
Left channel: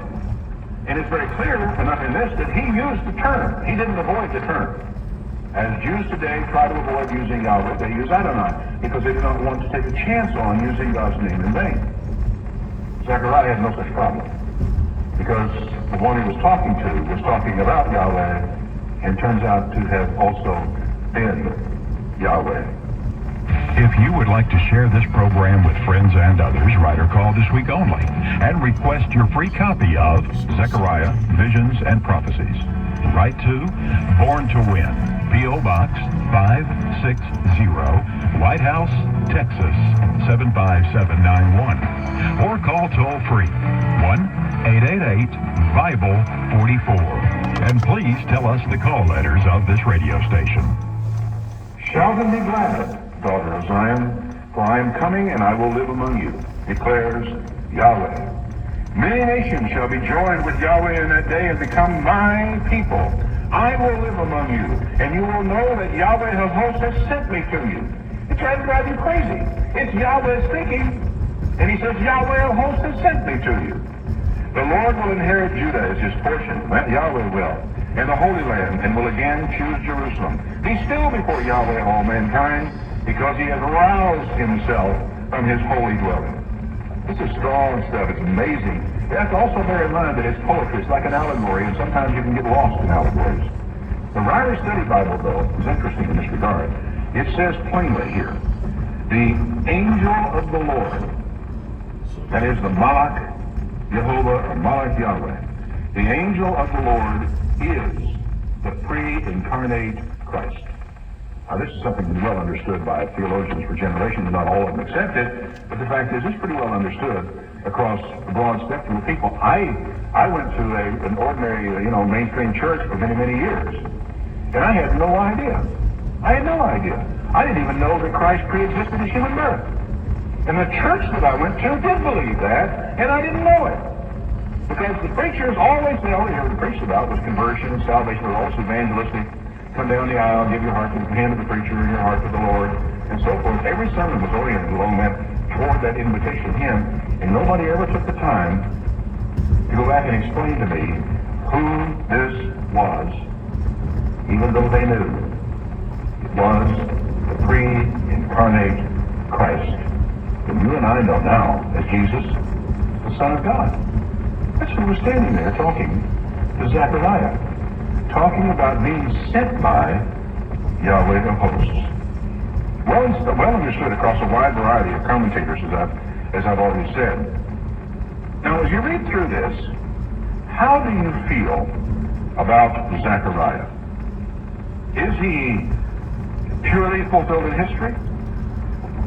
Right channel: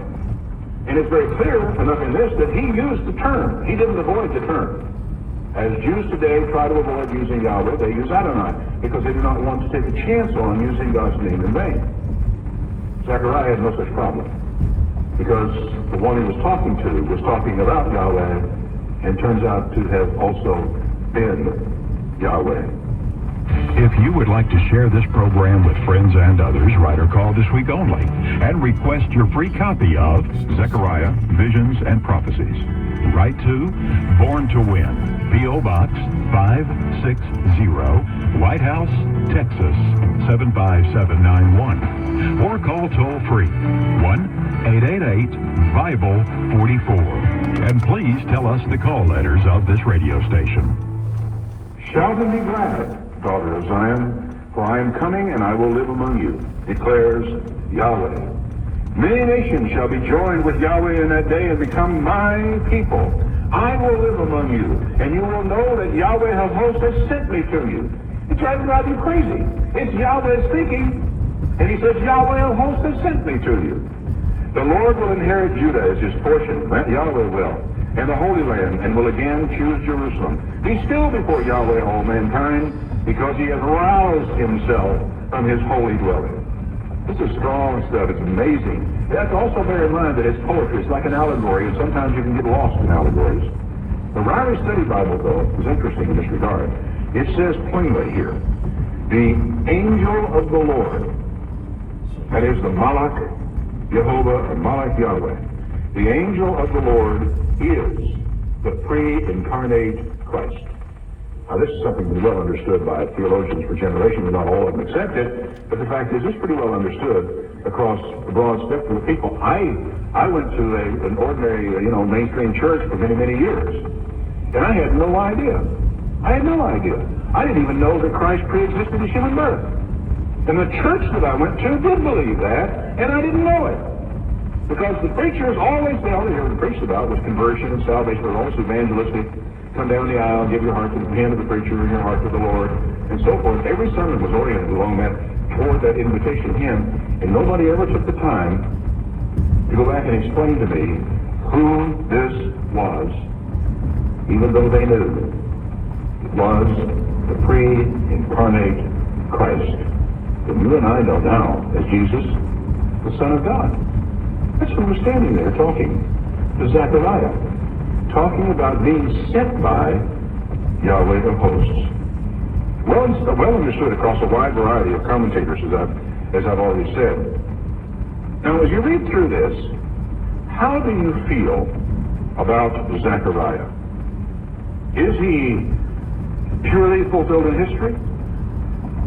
And it's very clear enough in this that he used the term. He didn't avoid the term. As Jews today try to avoid using Yahweh, they use Adonai, because they do not want to take a chance on using God's name in vain. Zechariah had no such problem, because the one he was talking about Yahweh, and turns out to have also been Yahweh. If you would like to share this program with friends and others, write or call this week only and request your free copy of Zechariah, Visions and Prophecies. Write to Born to Win, P.O. Box 560, White House, Texas 75791. Or call toll-free 1-888-BIBLE-44. And please tell us the call letters of this radio station. Shout and be glad, daughter of Zion, for I am coming and I will live among you, declares Yahweh. Many nations shall be joined with Yahweh in that day and become my people. I will live among you, and you will know that Yahweh of hosts has sent me to you. It's trying to drive you crazy. Yahweh speaking. And he says, Yahweh of hosts has sent me to you. The Lord will inherit Judah as his portion. That Yahweh will. And the Holy Land, and will again choose Jerusalem. Be still before Yahweh, all mankind, because he has roused himself from his holy dwelling. This is strong stuff. It's amazing. You have to also bear in mind that it's poetry. It's like an allegory, and sometimes you can get lost in allegories. The Ryrie Study Bible, though, is interesting in this regard. It says plainly here, the angel of the Lord, that is the Malach Jehovah or Malach Yahweh, the angel of the Lord is the pre-incarnate Christ. Now, this is something that's well understood by theologians for generations. Not all of them accept it, but the fact is, it's pretty well understood across a broad spectrum of people. I went to an ordinary, mainstream church for many, many years, and I had no idea. I had no idea. I didn't even know that Christ pre-existed his human birth. And the church that I went to did believe that, and I didn't know it. Because the preachers always, they only heard preached about was conversion and salvation. They're almost evangelistic. Come down the aisle, give your heart to the hand of the preacher and your heart to the Lord, and so forth. Every sermon was oriented along that, toward that invitation to him, and nobody ever took the time to go back and explain to me who this was, even though they knew it was the pre-incarnate Christ, that you and I know now as Jesus, the Son of God. That's who was standing there talking to Zechariah, talking about being sent by Yahweh of hosts. Well understood across a wide variety of commentators, as I've already said. Now, as you read through this, how do you feel about Zechariah? Is he purely fulfilled in history?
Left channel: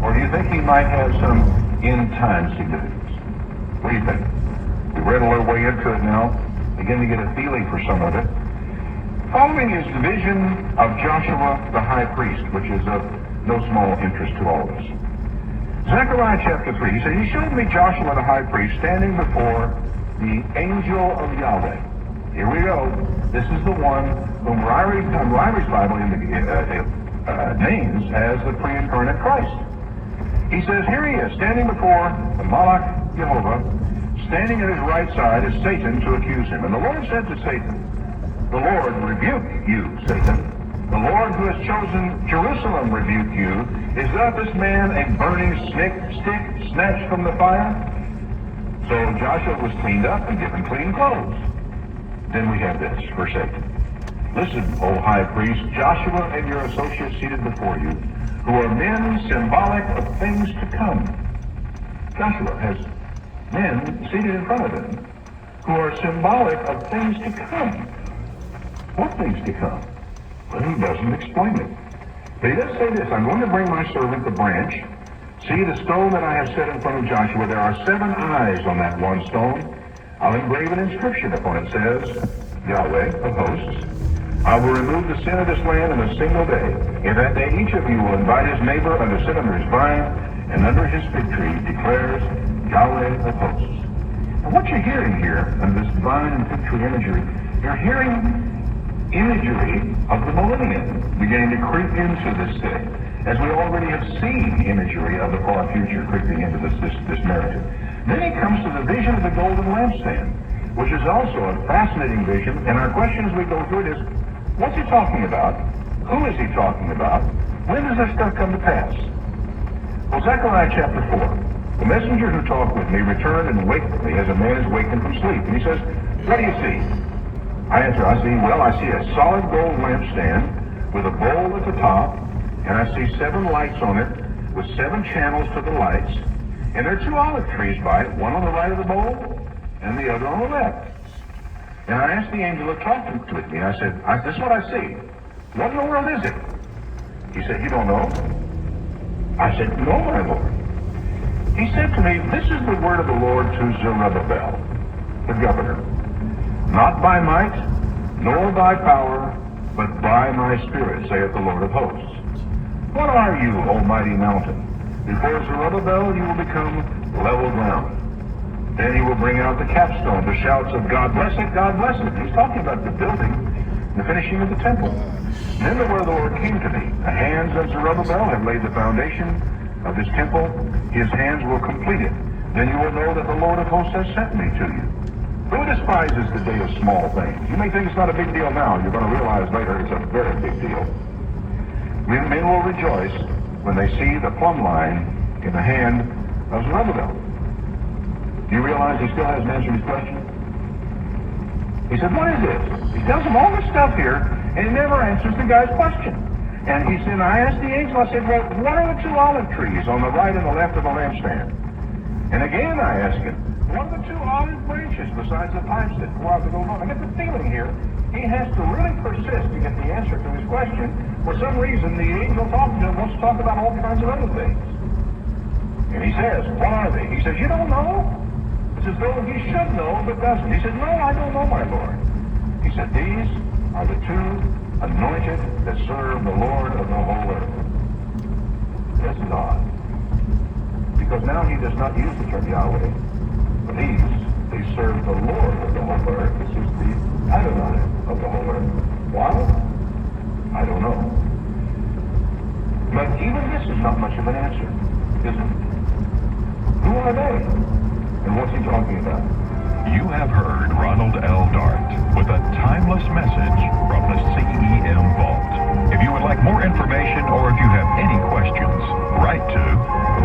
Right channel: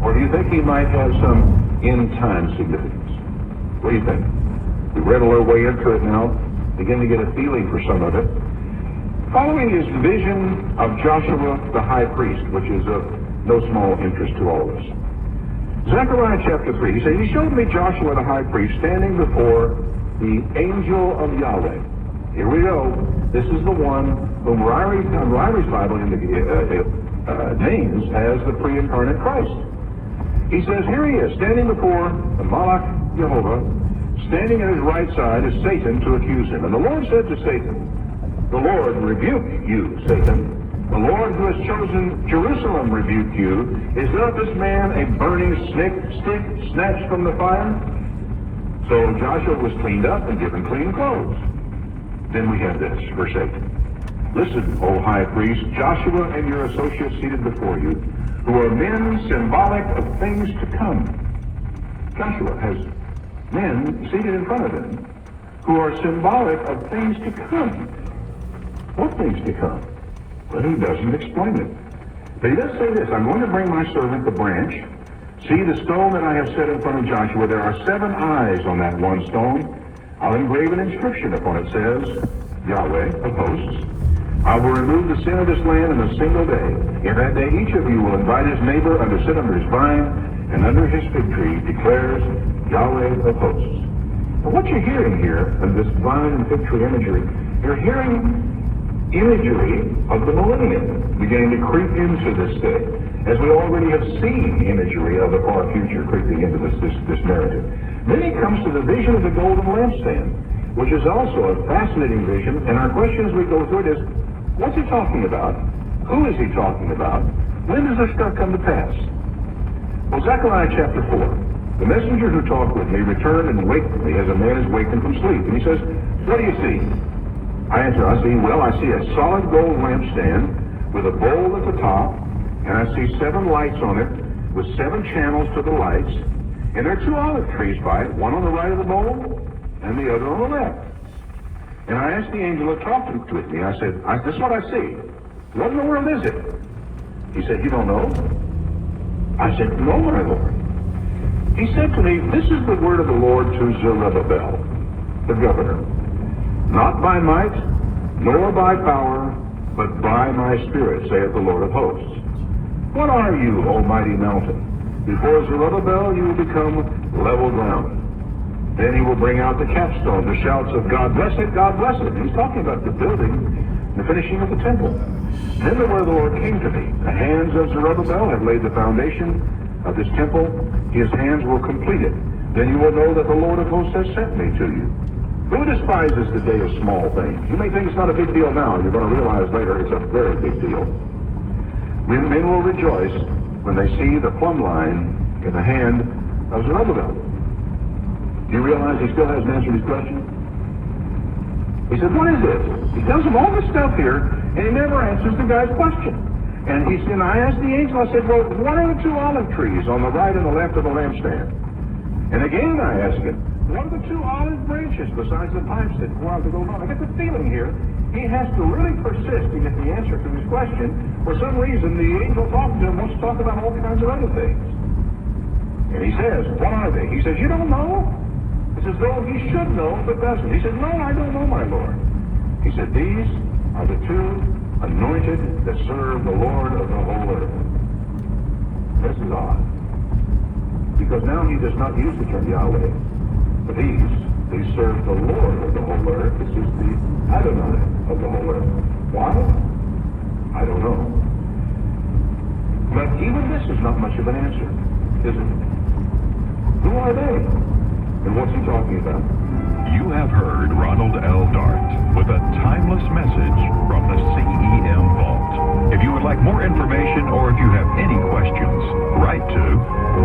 Or do you think he might have some end-time significance? What do you think? We read a little way into it now, begin to get a feeling for some of it. Following his vision of Joshua the high priest, which is of no small interest to all of us. Zechariah chapter 3, he said, he showed me Joshua the high priest standing before the angel of Yahweh. Here we go. This is the one whom Ryrie's Bible names as the pre-incarnate Christ. He says, here he is, standing before the Malach Jehovah. Standing at his right side is Satan to accuse him. And the Lord said to Satan, the Lord rebuke you, Satan. The Lord who has chosen Jerusalem rebuke you. Is not this man a burning stick snatched from the fire? So Joshua was cleaned up and given clean clothes. Then we have this, verse 8. Listen, O high priest, Joshua and your associates seated before you, who are men symbolic of things to come. Joshua has men seated in front of him who are symbolic of things to come. What things to come? Well, he doesn't explain it. But he does say this, I'm going to bring my servant the branch. See the stone that I have set in front of Joshua. There are 7 eyes on that one stone. I'll engrave an inscription upon it. Says, Yahweh of hosts. I will remove the sin of this land in a single day. In that day each of you will invite his neighbor and to sit under his vine and under his fig tree, declares Yahweh of hosts. And what you're hearing here in this vine and fig tree imagery, you're hearing imagery of the millennium beginning to creep into this day, as we already have seen imagery of the far future creeping into this narrative. Then he comes to the vision of the golden lampstand, which is also a fascinating vision, and our question as we go through it is, what's he talking about? Who is he talking about? When does this stuff come to pass? Well, Zechariah chapter 4, the messenger who talked with me returned and waked me as a man is wakened from sleep. And he says, what do you see? I answer, I see a solid gold lampstand with a bowl at the top, and I see 7 lights on it with 7 channels to the lights, and there are 2 olive trees by it, one on the right of the bowl and the other on the left. And I asked the angel that talked with me, I said, this is what I see. What in the world is it? He said, you don't know? I said, no, my Lord. He said to me, this is the word of the Lord to Zerubbabel, the governor. Not by might, nor by power, but by my spirit, saith the Lord of hosts. What are you, almighty mountain? Before Zerubbabel you will become level ground. Then he will bring out the capstone, the shouts of God bless it, God bless it. He's talking about the building, the finishing of the temple. Then the word of the Lord came to me. The hands of Zerubbabel have laid the foundation. of this temple, his hands will complete it. Then you will know that the Lord of hosts has sent me to you. Who despises the day of small things? You may think it's not a big deal now. You're going to realize later it's a very big deal. Men will rejoice when they see the plumb line in the hand of Zerubbabel. Do you realize he still hasn't answered his question? He said, what is this? He tells him all this stuff here, and he never answers the guy's question. And he said, I asked the angel, I said, well, what are the two olive trees on the right and the left of the lampstand? And again I asked him, what are the two olive branches besides the pipes that go out to go home? I get the feeling here he has to really persist to get the answer to his question. For some reason, the angel talking to him wants to talk about all kinds of other things. And he says, what are they? He says, you don't know? It's as though he should know, but doesn't. He said, no, I don't know, my Lord. He said, these are the two anointed that serve the Lord of the whole earth. This is odd. Because now he does not use the term Yahweh. But they serve the Lord of the whole earth. This is the Adonai of the whole earth. Why? I don't know. But even this is not much of an answer, is it? Who are they? And what's he talking about? You have heard Ronald L. Dart with a timeless message from the CEM Vault. If you would like more information or if you have any questions, write to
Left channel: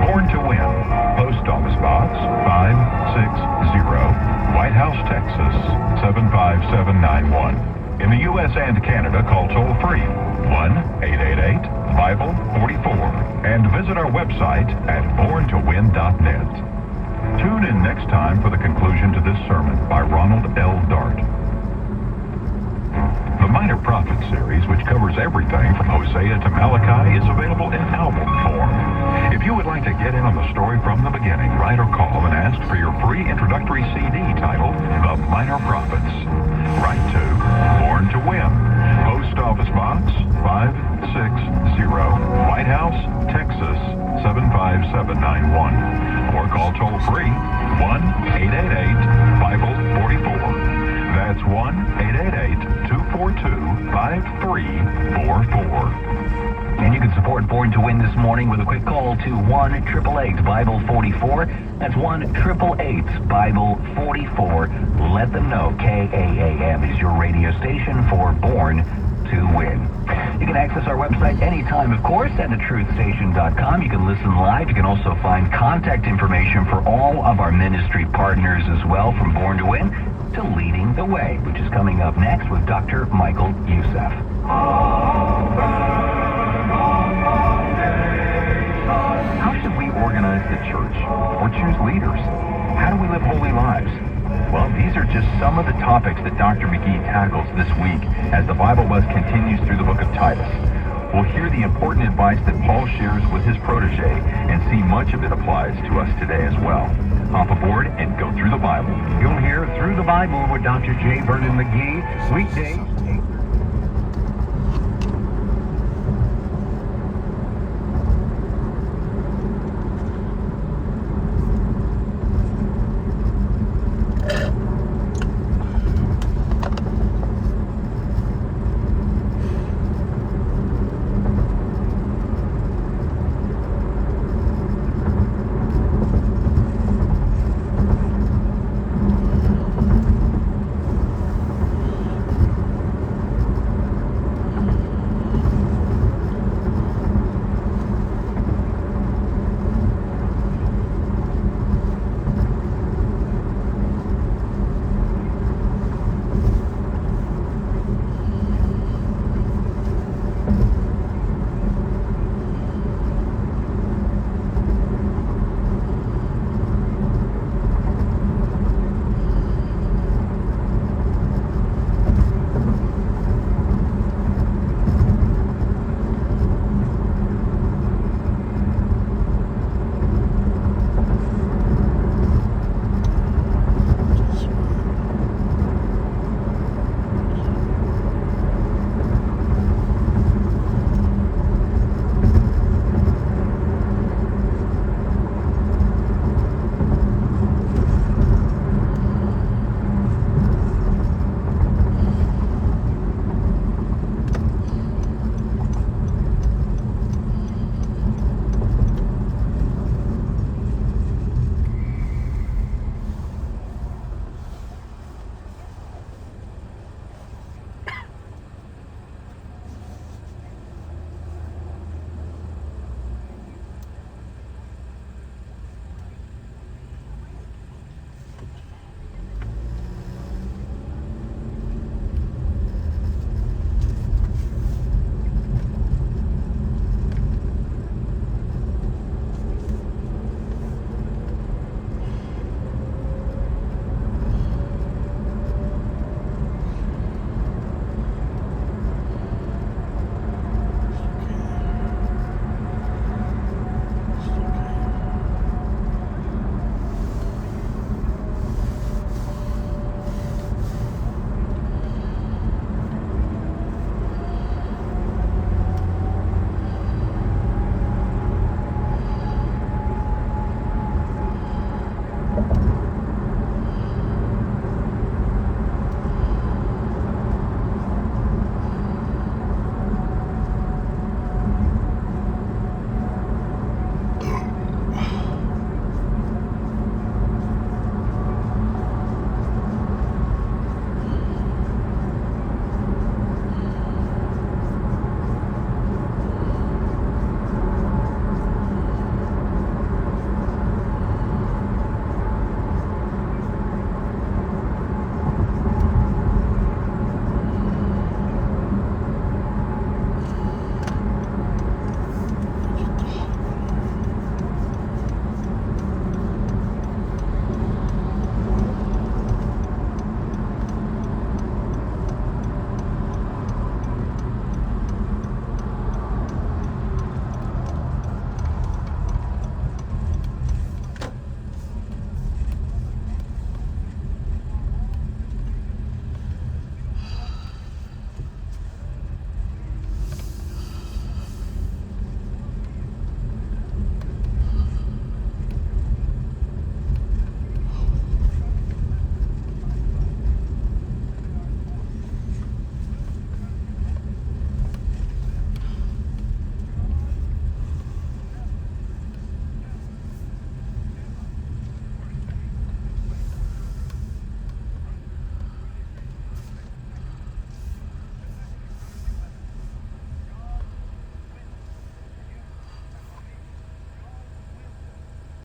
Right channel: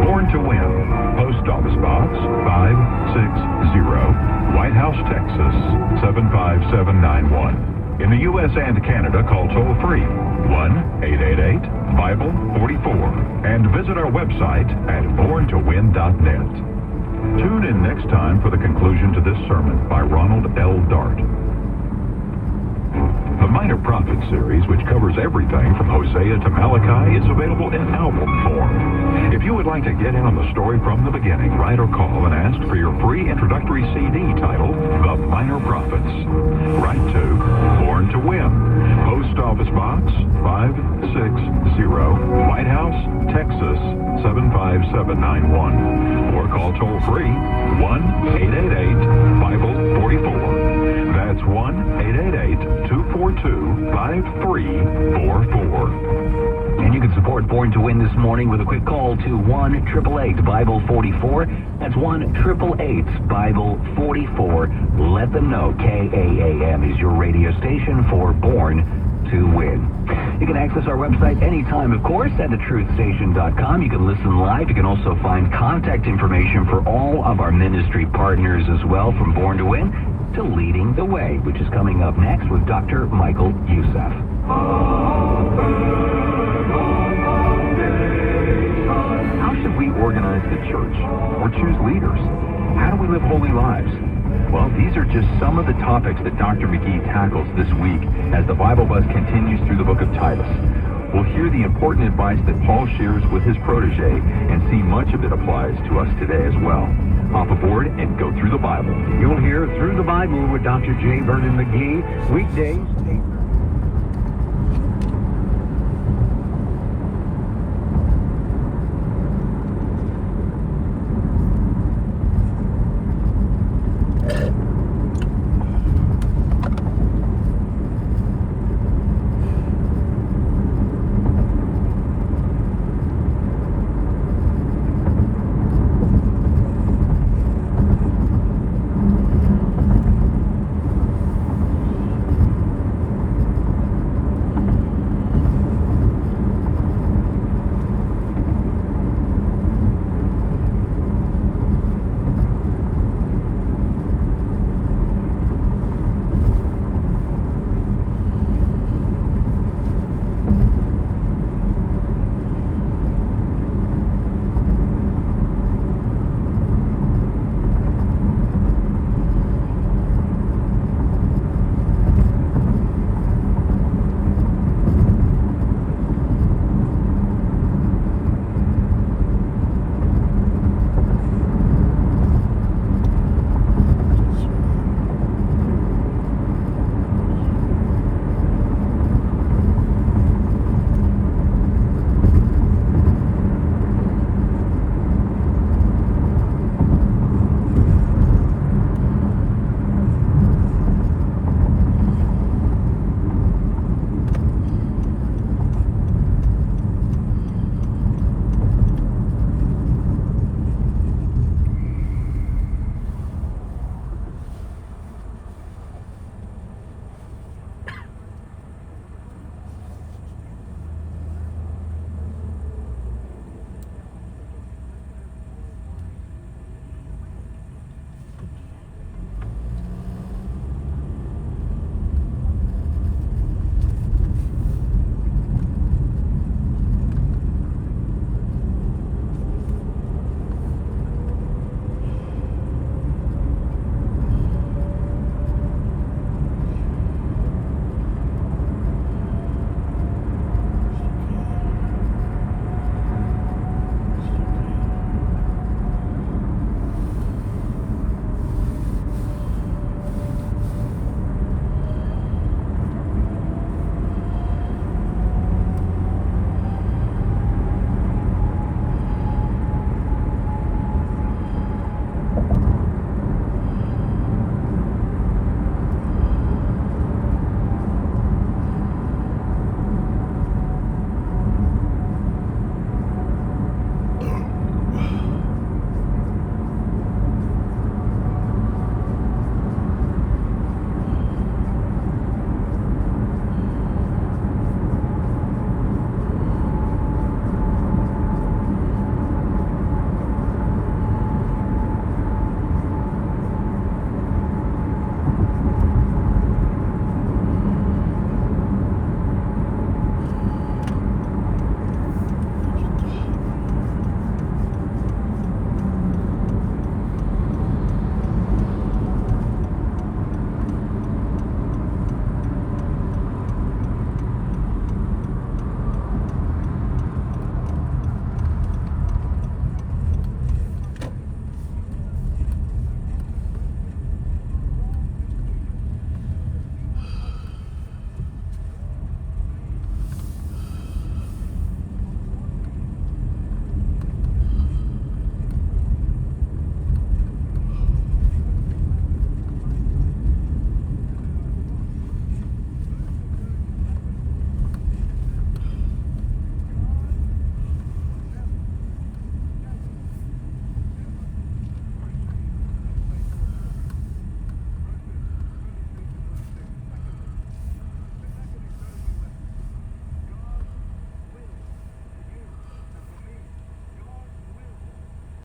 Born to Win, Post Office Box 560, White House, Texas 75791. In the U.S. and Canada, call toll-free 1-888-BIBLE-44 and visit our website at borntowin.net. Tune in next time for the conclusion to this sermon by Ronald L. Dart. The Minor Prophet series, which covers everything from Hosea to Malachi, is available in album form. If you would like to get in on the story from the beginning, write or call and ask for your free introductory CD titled The Minor Prophets. Write to Born to Win, Post Office Box 560, White House, Texas 75791. Or call toll-free 1-888-BIBLE-44. That's 1-888-242-5344. And you can support Born to Win this morning with a quick call to 1-888-BIBLE-44. That's 1-888-BIBLE-44. Let them know KAAM is your radio station for Born to Win. You can access our website anytime, of course, at thetruthstation.com. You can listen live. You can also find contact information for all of our ministry partners as well, from Born to Win to Leading the Way, which is coming up next with Dr. Michael Youssef. How should we organize the church or choose leaders? How do we live holy lives? Well, these are just some of the topics that Dr. McGee tackles this week as the Bible Buzz continues through the book of Titus. We'll hear the important advice that Paul shares with his protege and see much of it applies to us today as well. Hop aboard and go through the Bible. You'll hear Through the Bible with Dr. J. Vernon McGee, weekdays